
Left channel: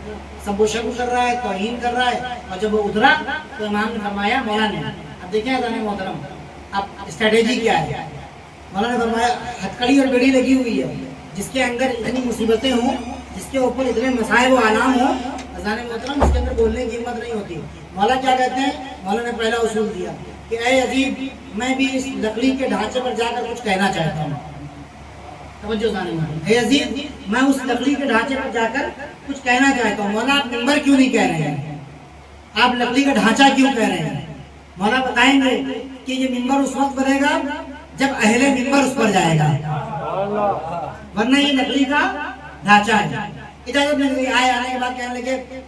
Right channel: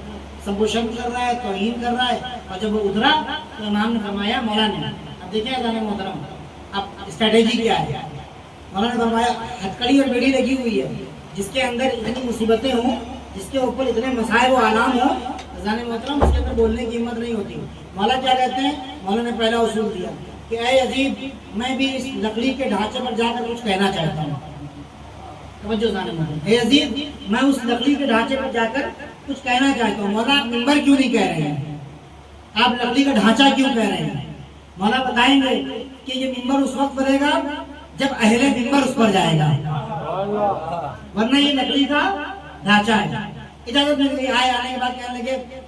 سب و شرم کر رہا ہے، توہین کر رہا ہے. اور جب وہ اترا تو امام نے فرمایا، مولا نے اب دیکھیں اذان محترم اب اسٹریٹجی کیا ہے. مولا نے فرمایا ہتکڑی اور بیڑی لگی ہوئی ہے، جس کے اندر اتنی مصیبتیں ہوں، جس کے اوپر اتنے مسائل و آلام ہوں، اذان محترم اس کے اندر بولنے کی ہمت نہیں ہوتی. مولا کیا کہتے ہیں؟ مولا نے پہلا اصول دیا کہ اے عزیز، میں بھی اس لکڑی کے ڈھانچے پر جا کر کچھ کہنا چاہتا ہوں. توجہ ذہن میں، اے عزیز، میں اس لکڑی کے ڈھانچے پر جا کر کچھ کہنا چاہتا ہوں. مولا آپ منبر کیوں نہیں کہہ رہے ہیں؟ آپ لکڑی کا ڈھانچہ کیوں کہہ رہے ہیں؟ مولا بتائیں گے کہ یہ منبر اس وقت بنے گا جب اہل منبر اس پر جائے گا، ورنہ یہ لکڑی کا ڈھانچہ ہے. اجازت مل گئی. آئے آنے کے بعد کہنے لگے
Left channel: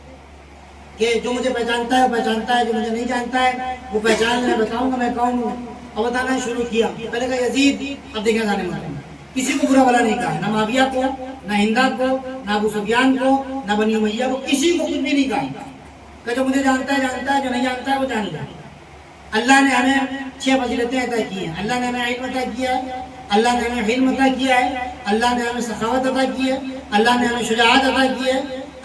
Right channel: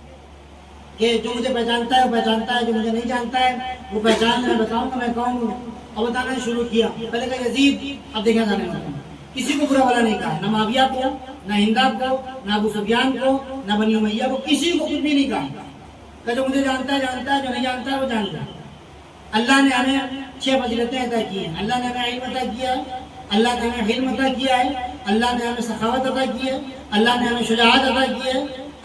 کہ جو مجھے پہچانتا ہے وہ پہچانتا ہے، جو مجھے نہیں جانتا ہے وہ پہچان میں بتاؤں گا میں کون ہوں. اور بتانا شروع کیا. پہلے کہا یزید، اب دیکھا جانے والا کسی کو برا بلا نہیں کہا، نہ معاویہ کو، نہ ہندا کو، نہ ابو سفیان کو، نہ بنی امیہ کو، کسی کو کچھ بھی نہیں کہا. کہ جو مجھے جانتا ہے جانتا ہے، جو نہیں جانتا ہے وہ جان لے. اللہ نے ہمیں 6 فضیلتیں عطا کی ہیں. اللہ نے ہمیں علم عطا کیا ہے، اللہ نے ہمیں علم عطا کیا ہے، اللہ نے ہمیں سخاوت عطا کی ہے، اللہ نے ہمیں شجاعت عطا کی ہے،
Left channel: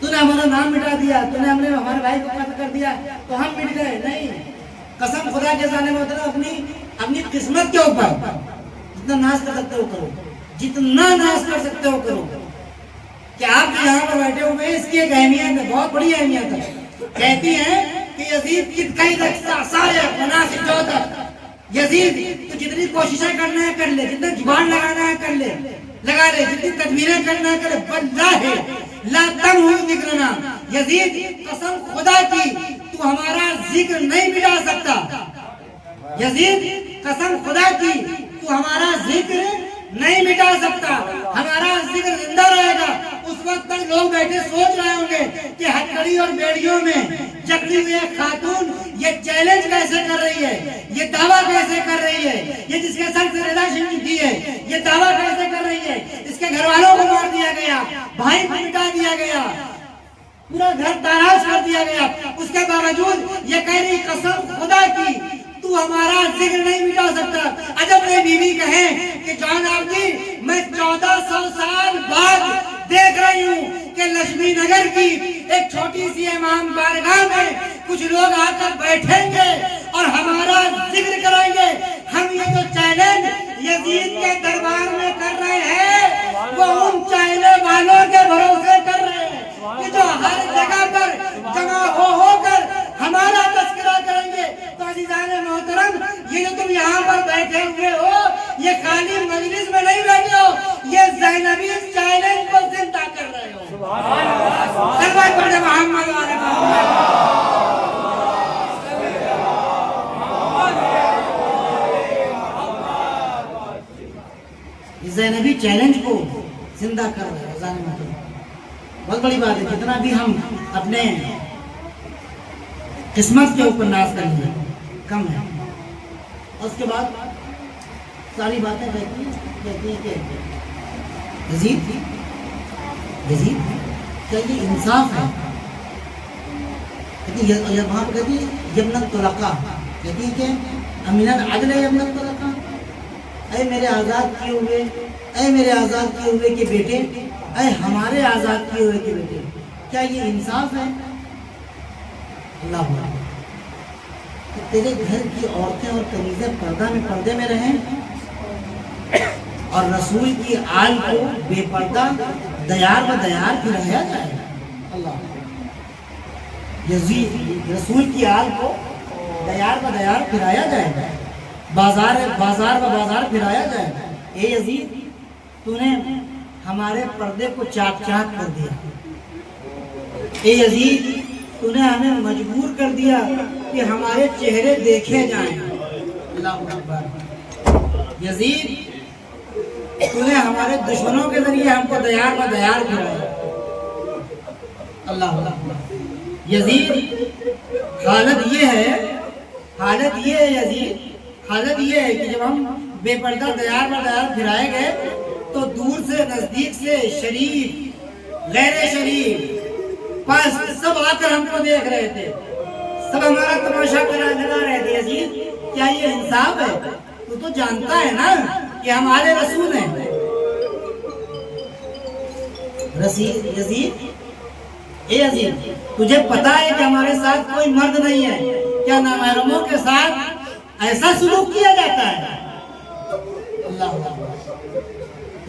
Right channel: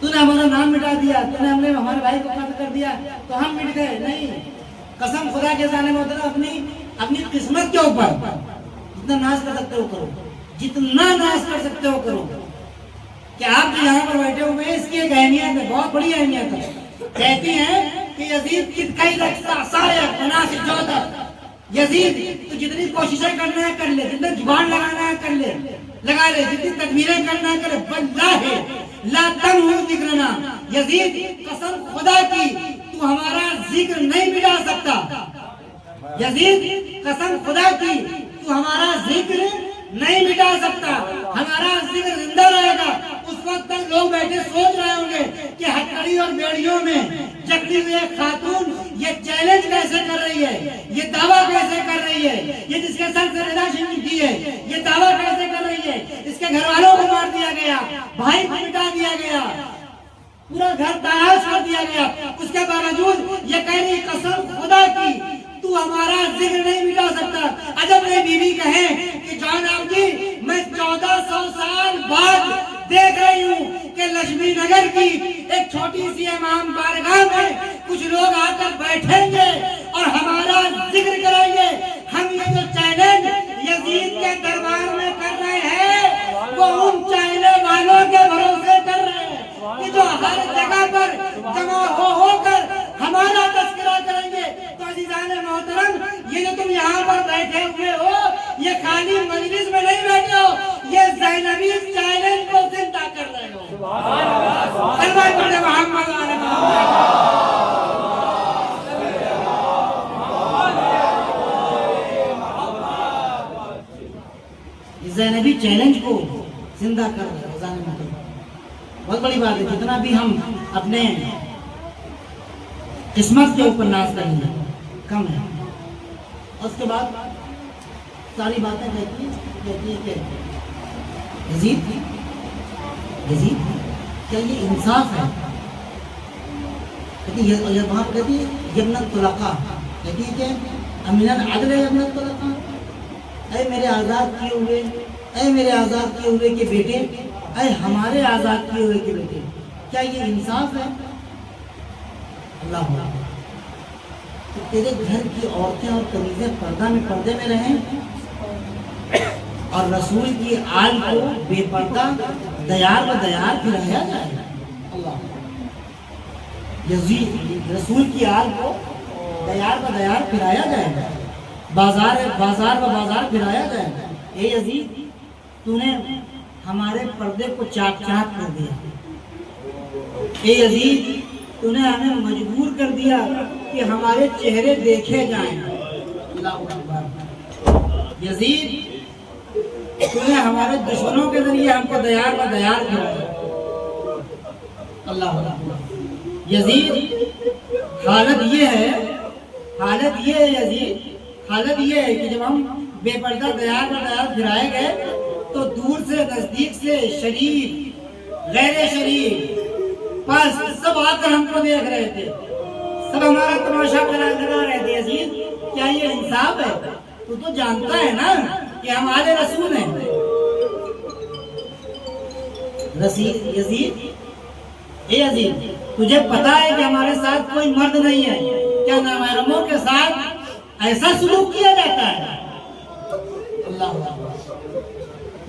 تو نے ہمارا نام مٹا دیا، تو نے ہمارے بھائی کو قتل کر دیا تو ہم مٹ گئے؟ نہیں، قسم خدا کے ظالم محترم اپنی قسمت کے اوپر جتنا ناز کر سکتے ہو کرو، جتنا ناز کر سکتے ہو کرو. کہ آپ یہاں پر بیٹھے ہوئے اس کی ایک اہمیت ہے، بہت بڑی اہمیت ہے. کہتی ہیں کہ یزید کی کئی سارے بنا سے جو تک یزید تو جتنی کوششیں کرنا ہے کر لے، جتنا زبان لگانا ہے کر لے لگا لے، جتنی تدبیریں کرنا ہے کرے، واللہ لا تمحو ذکرنا. یزید قسم خدا کی تو ہمارا ذکر نہیں مٹا سکتا. یزید قسم خدا کی تو ہمارا ذکر نہیں مٹا سکتا، ہمارا ذکر زندہ رہے گا. اس وقت تک لوگ بیٹھے سوچ رہے ہوں گے کہ ہتھکڑی اور بیڑیوں میں جگتی ہوئی ایک خاتون یہ چیلنج کیسے کر رہی ہے، یہ دعویٰ کیسے کر رہی ہے، یہ جس کے سر سے رضا شریف کی ہے یہ دعویٰ کیسے کر رہی ہے. اس کے گھر والوں کو مار دیا گیا، بھائی کو مٹا دیا گیا، پورا گھر تاراج کر دیا گیا. اس کے باوجود یہ کہہ رہی قسم خدا کی تو ہمارا ذکر نہیں مٹا سکتا. عجب نہیں بیوی کہیں کہ جان آپ جی میں 1400 سال بعد دیکھ رہی ہوں کہ لکشمی نگر کی ایک چھوٹی سی امام بارگاہ میں کچھ لوگ آ کر بیٹھیں گے اور ہمارا ذکر کریں گے. ہم یہ جو چیلنج یزید کے دربار میں کر رہے ہیں وہ ان چائنے والوں کے بھروسے کر رہے ہیں کہ جو ہر جگہ پر جمع ہو کر ہمارا تذکرہ کریں گے. تو عزیزان محترم یہ جو تم یہاں پر بیٹھے ہوئے ہو یہ خالی مجلس میں نہیں بیٹھے ہو، یہ زینبی چیلنج کو زندہ کر رہے ہو. سبحان اللہ محمد و آل محمد. زینبی چیلنج کو زندہ کر رہے ہو. زینبی محترم بہت بڑی بات ہے. جتنا بھی ہم اپنے قسمت کے اوپر ناز کریں گے کم ہے. اس کے بعد ساری باتیں کہتی ہیں کہ یزید کہ یہ انصاف ہے. وہاں کہتی ہے یمن الطلقاء، کہتی ہے کہ امن العدل یمن الطلقاء. اے میرے آزاد کیے ہوئے، اے میرے آزاد کیے ہوئے کے بیٹے، اے ہمارے آزاد کیے ہوئے کے بیٹے، کیا یہ انصاف ہے؟ اللہ کہ تیرے گھر کی عورتیں اور کنیزیں پردے میں رہیں اور رسول کی آل کو بے پردہ دیار و دیار پھرایا جائے. اللہ یزید رسول کی آل کو دیار و دیار پھرایا جائے، بازار و بازار پھرایا جائے. اے یزید تو نے ہمارے پردے کو چاک چاک کر دیا. اے یزید تو نے ہمیں مجبور کر دیا کہ ہمارے چہرے دیکھے جائیں. اللہ اکبر. یزید تو نے ہمارے دشمنوں کے ذریعے ہم کو دیار و دیار کرایا. اللہ اکبر. یزید حالت یہ ہے یزید، حالت یہ ہے کہ جب ہم بے پردہ دیار و دیار پھرائے گئے تو دور سے نزدیک سے شریف غیر شریف بس سب آ کر ہم کو دیکھ رہے تھے، سب ہمارا تماشا لگا رہے تھے. یزید کیا یہ انصاف ہے؟ تو جانتا ہے نا کہ ہمارے رسول ہیں. اے یزید تجھے پتا ہے کہ ہمارے ساتھ کوئی مرد نہیں ہے، کیا نامحرموں کے ساتھ ایسا سلوک کیا جاتا ہے؟ اللہ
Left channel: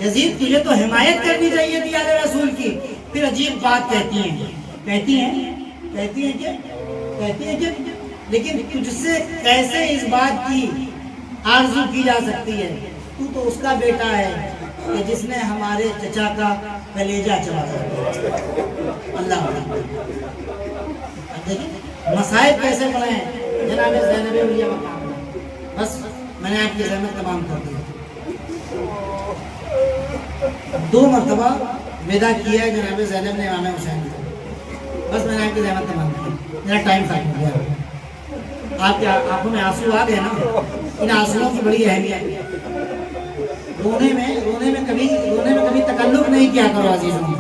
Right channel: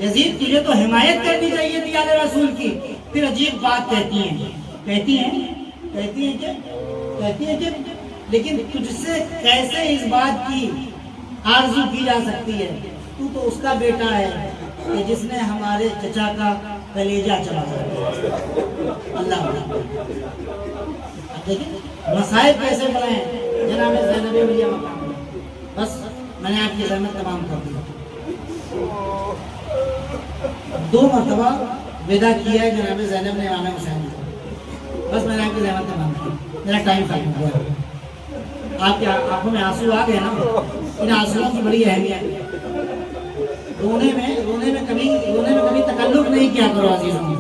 یزید تجھے تو حمایت کرنی چاہیے تھی آل رسول کی. پھر عجیب بات کہتی ہیں کہ لیکن تجھ سے کیسے اس بات کی آرزو کی جا سکتی ہے؟ تو اس کا بیٹا ہے کہ جس نے ہمارے چچا کا کلیجہ چلا. اللہ مسائل کیسے بڑھے ہیں جناب زینب اولیاء مقام. بس میں نے آپ کی زحمت تمام کر دی. 2 مرتبہ ودا کیا ہے جناب زینب نے امام حسین کو. بس میں نے آپ کی زحمت تمام کی. میرا ٹائم ختم ہو گیا. آپ کے آنکھوں میں آنسو آ گئے نا، ان آنسوؤں کی بڑی اہمیت ہے. رونے میں کبھی تکلف نہیں کیا کرو عزیزوں.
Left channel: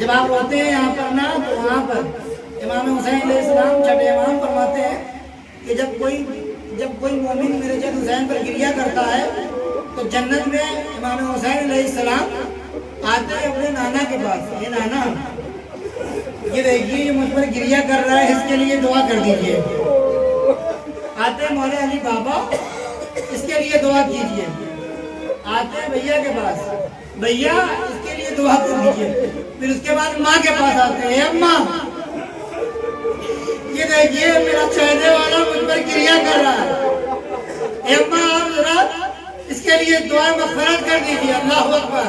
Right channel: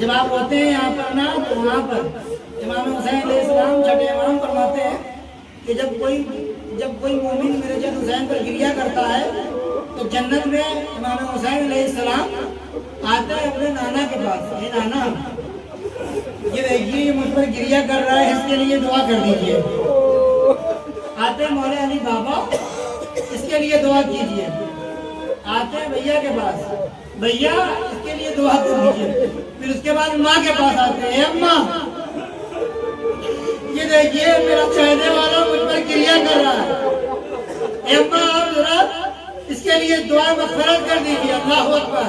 جب آپ روتے ہیں یہاں پر نا تو وہاں پر امام حسین علیہ السلام چھٹے امام فرماتے ہیں کہ جب کوئی مومن میرے جد حسین پر گریہ کرتا ہے تو جنت میں امام حسین علیہ السلام آتے ہیں اپنے نانا کے پاس. یہ نانا یہ دیکھیے یہ مجھ پر گریہ کر رہا ہے، اس کے لیے دعا کر دیجئے۔ آتے ہیں مولا علی بابا، اس کے لیے دعا کیجئے۔ آتے ہیں بھیا کے پاس، بھیا اس کے لیے دعا کر دیجئے۔ پھر اس کے بعد ماں کے پاس آتے ہیں، اماں یہ دیکھیے میرا چاہنے والا مجھ پر گریہ کر رہا ہے، اماں آپ ذرا اس کے لیے دعا مغفرت کر دیجئے۔ اللہ اکبر۔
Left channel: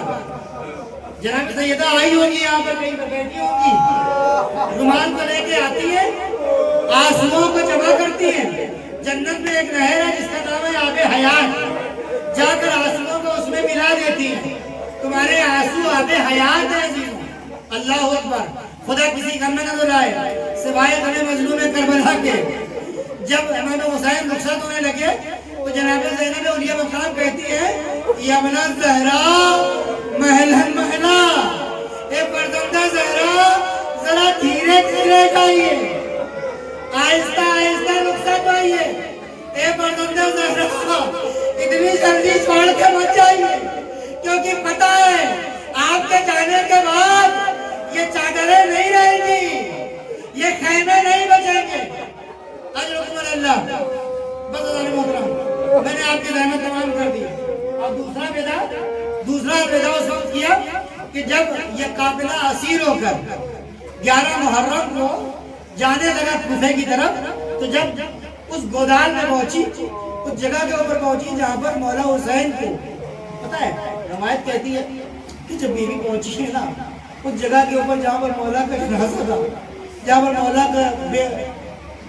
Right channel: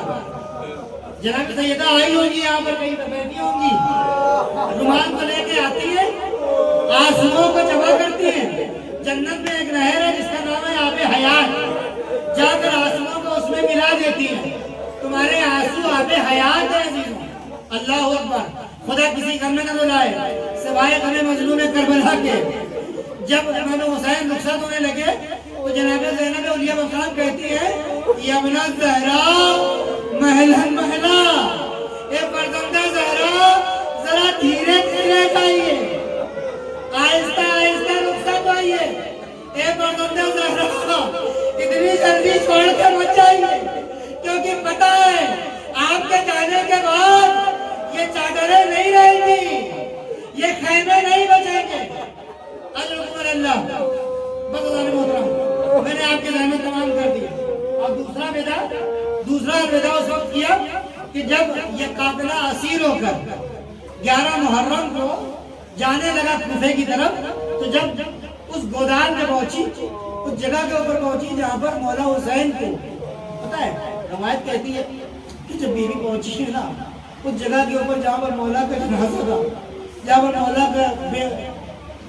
جناب سیدہ آئی ہوگی یہاں پر کہیں پر بیٹھی ہوگی، رومال کو لے کے آتی ہے، آنسوؤں کو جمع کرتی ہے۔ جنت میں ایک نہر ہے جس کا نام ہے آب حیات، جا کر آنسوؤں کو اس میں ملا دیتی ہے۔ تمہارے آنسو آب حیات ہے عزیزوں۔ اللہ اکبر۔ خدا کسی غم میں نہ ڈالے سوائے غم مظلوم کربلا کے۔ جب امام حسین رخصت ہونے لگے تو جناب زینب اولیاء مقام کہتی ہے یا ابن الزہرا محلا محلا، اے فرزندہ زہرا ذرا دھیرے دھیرے جائیے، آہستہ آہستہ رخصت ہوئیے، اے فرزندہ زہرا اتنی جلدی چھوڑ کے مت جائیے، کیونکہ پتہ ہے آپ کے جانے کے بعد یہ چادریں نہیں رہیں گی، یہ خیمے نہیں بچیں گے۔ حضرت اللہ بہت محترم، میں نے آپ کی زحمت تمام کر دی۔ اب دوسرا بیدا اس وقت کیا کہ جب یہ قافلہ اسیر ہو کر 11 محرم کو جانے لگا کوفے کی طرف، تو جب اس گودال میں پہنچی، اس جگہ کے اوپر پہنچی جہاں پر مولا حسین کو پتہ ہے روایت کہتی ہے کہ جب بیوی پہنچی ہے نا اس جگہ کے اوپر جہاں پر مولا کا جنازہ تھا، جہاں پر مولا کا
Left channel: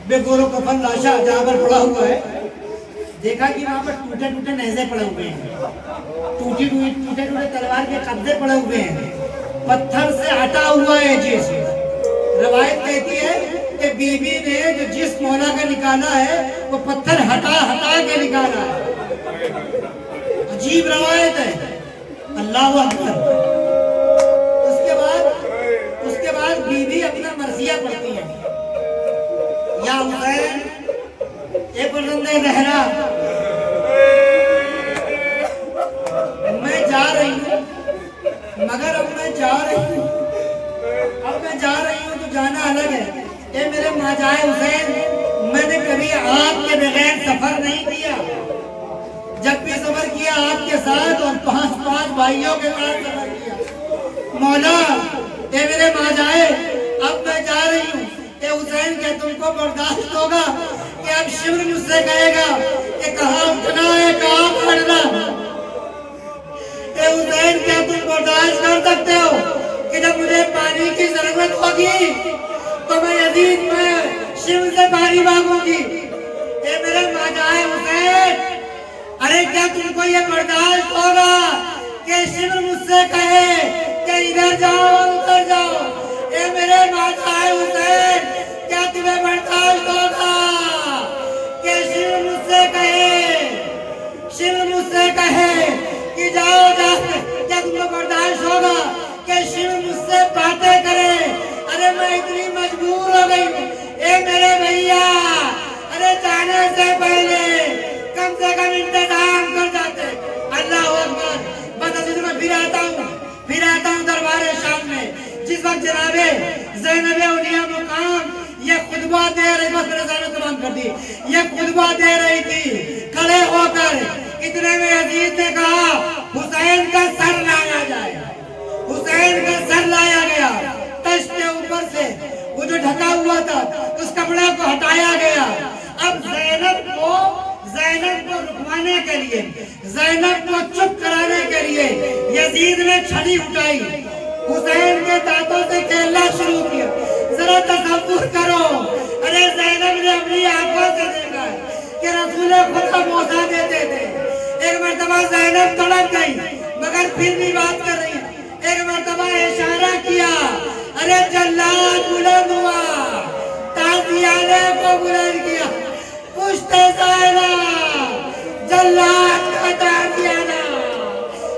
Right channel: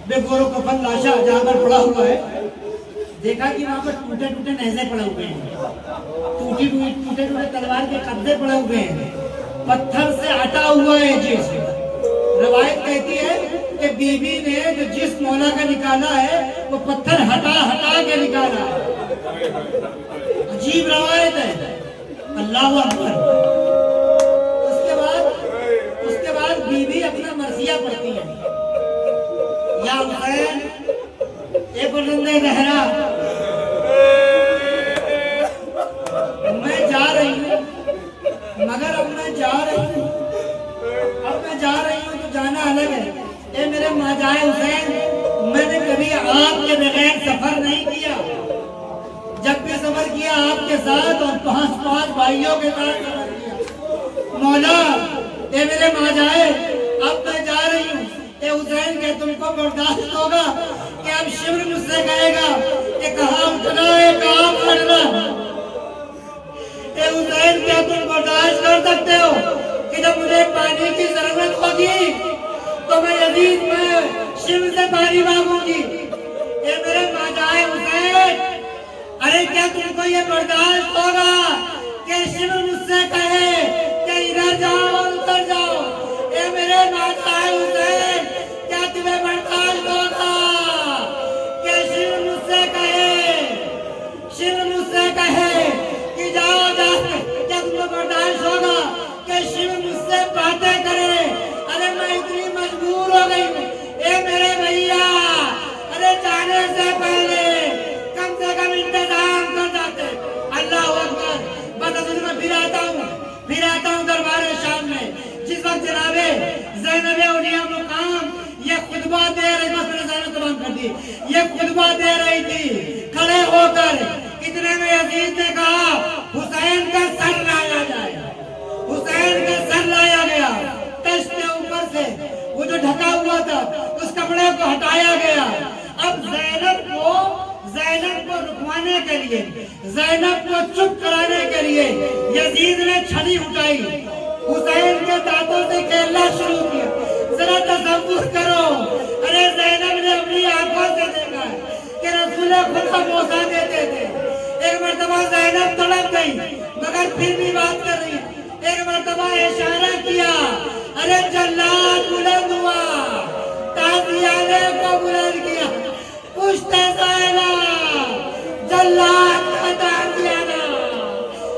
بے گور و کفن لاشا جہاں پر پڑا ہوا ہے، دیکھا کہ وہاں پر ٹوٹے ٹوٹے نیزے پڑے ہوئے ہیں، ٹوٹے ٹوٹے تلوار کے قبضے پڑے ہوئے ہیں، پتھر سے ہٹا ہوا ہے جسم۔ روایت کہتی ہے کہ بی بی نے جو جسم مولا کا نکالا ہے وہ پتھر ہٹا ہٹا کے نکالا ہے۔ عجیب روایت ہے۔ اللہ اکبر۔ اس کے بعد بی بی اپنا مرثیہ پڑھتی ہے، یا حسین اے فرزندہ زہرا میں جا رہی ہوں، مگر اب میں جا رہی ہوں تو جانا الگ ہے۔ اے میرے ماجائے حسین میں نے کبھی آپ کے بغیر سفر نہیں کیا، جب بھی سفر کیا آپ کے ساتھ اور 5 بھائیوں کے ساتھ سفر کیا۔ مولا اے میرے ماجائے اب میں جا رہی ہوں، اے حسین کہ تم کو برداشت ہوگا کہ اب شمر مجھ سے کہے گا کہ کہاں اٹھنا ہے کہاں پڑھنا؟ اے حسین کیا تم برداشت کر سکتے ہو کہ جب مجھے پانی کی ضرورت ہوگی تو میں یزید میں شمر سے پانی مانگوں گی؟ اے میرے ماجائے حسین ارے کیا تم کو یہ برداشت ہوگا کہ شمر مجھ سے کہے کہ ادھر جاؤ ادھر جاؤ؟ اے میرے ماجائے حسین کیا تمہیں برداشت ہوگا کہ شمر مجھ سے کہے کہ جاؤ جاؤ؟ کیا تمہیں برداشت ہوگا کہ شمر مجھ سے باتیں کرے؟ ارے میں اتنی مجبور ہو گئی ہوں اے میرے بھیا، ارے جانے سے پہلے کم سے کم انتظام کر جاتے۔ اللہ اکبر۔ بس ابھی میں پھر آتا ہوں دربار شام میں، جس وقت جناب زینب اولیاء مقام یہ خطبہ دے رہی، بس میں نے زینب تمام کر دی، یہ خطبہ دے رہی تھی کھڑے ہو کر، اتنے میں یزید نے کہا حسین کا سر لایا جائے۔ حسین کا سر لایا گیا، تشت کے اوپر سے وہ جو ڈھکا ہوا تھا اس کپڑے کو ہٹایا گیا۔ اب زینب کو رکوانے کے لیے، زینب کو چپ کرانے کے لیے یزید نے چھڑی اٹھائی، حسین کے دانتوں سے کھیلنا شروع کیا۔ ذرا تصور کرو، ارے زینب نے اپنی آنکھوں سے دیکھا کہ رسول خدا موسیٰ دیتے تھے۔ ایک مرتبہ زینب تڑپ گئی مگر پھر بھی بات کر رہی، ایک مرتبہ اشارہ کیا، ارے جلاد بلند ہوا، تازیانے کو بلند کیا، پشت زینب جلاد کا تازیانہ۔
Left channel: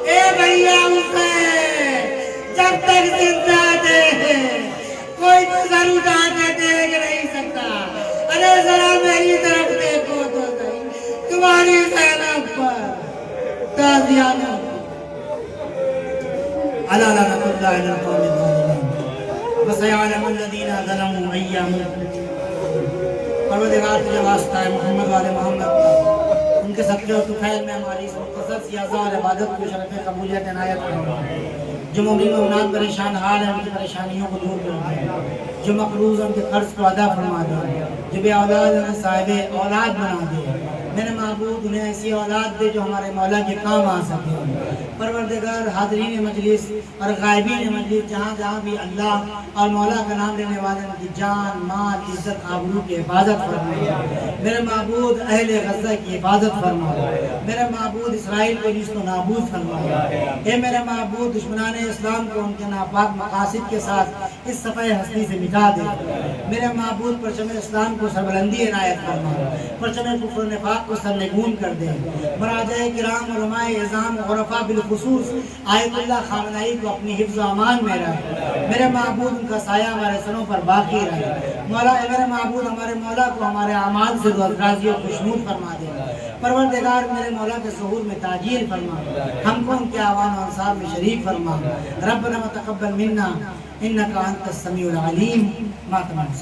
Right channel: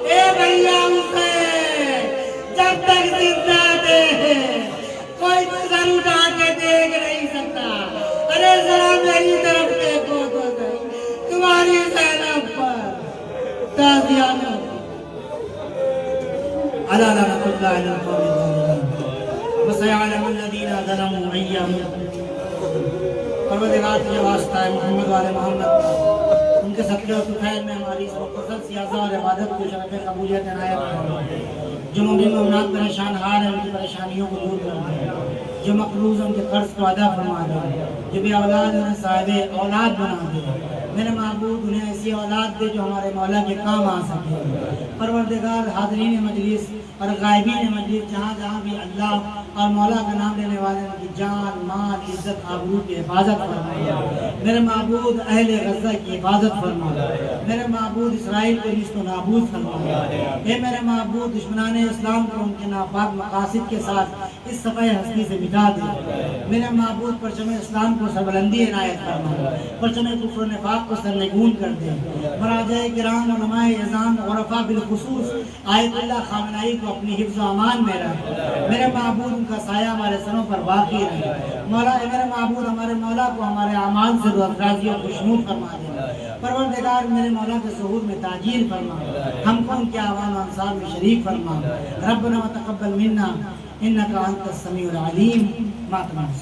اے بھیا حسین جب تک زندہ تھے کوئی نظر اٹھا کے دیکھ نہیں سکتا، ارے ذرا میری طرف دیکھو تو صحیح، تمہاری زینب پر تازیانہ۔ اللہ اللہ اللہ اللہ اللہ اللہ وسيعلم الذين ظلموا أي منقلب۔ پروردگار تجھے واسطہ ہے محمد والے محمد کا، ان کے صدقے و طفیل میں ہماری اس مختصر سی اعضاء اور عبادت کو شرف قبولیت عنایت فرما۔ جو مومن مومنات پریشان حال ہیں ان کی پریشانیوں کو دور کر دے، جو مقروض ہیں ان کے قرض کو ادا فرما دے، جو بے اولاد ہیں انہیں صاحب اولاد بنا دے۔ میرے معبود انہیں ایسی اولاد دے جو ہمارے مولا کے کام آ سکے۔ پروردگار حاضرین مجلس اور غائبین مجلس جہاں جہاں بھی اللہ اور مولا کا نام لینے والے ان کی جان مال عزت آبرو کی حفاظت فرما۔ میرے معبود اہل غزہ کی حفاظت فرما۔ میرے معبود اسرائیل کو نیست و نابود فرما۔ اے میرے معبود دشمنان اسلام کو ان کے ناپاک مقاصد کے ساتھ اس صفحہ ہستی سے مٹا دے۔ میرے معبود پرچم اسلام کو سربلندی عنایت فرما، پرچم کفر و نفاق کو سرنگون کر دے۔ مراجع کرام علماء اعظام عرفاء بالخصوص آیت اللہ خامنائی کو اپنی حفظ و امان میں رکھ۔ میرے معبود ان کا سایہ ہمارے سروں پر باقی رہے۔ مولا اے میرے معبود ہمارے مولا کو ہمارے اعمال سے راضی و خوشنود فرما دے۔ پروردگار میرے مولا کے ظہور میں تاجیل فرما، ہم کو ان کے اعوان و انصار میں شریک فرما۔ ربنا وتقبل منا انک انت السمیع العلیم۔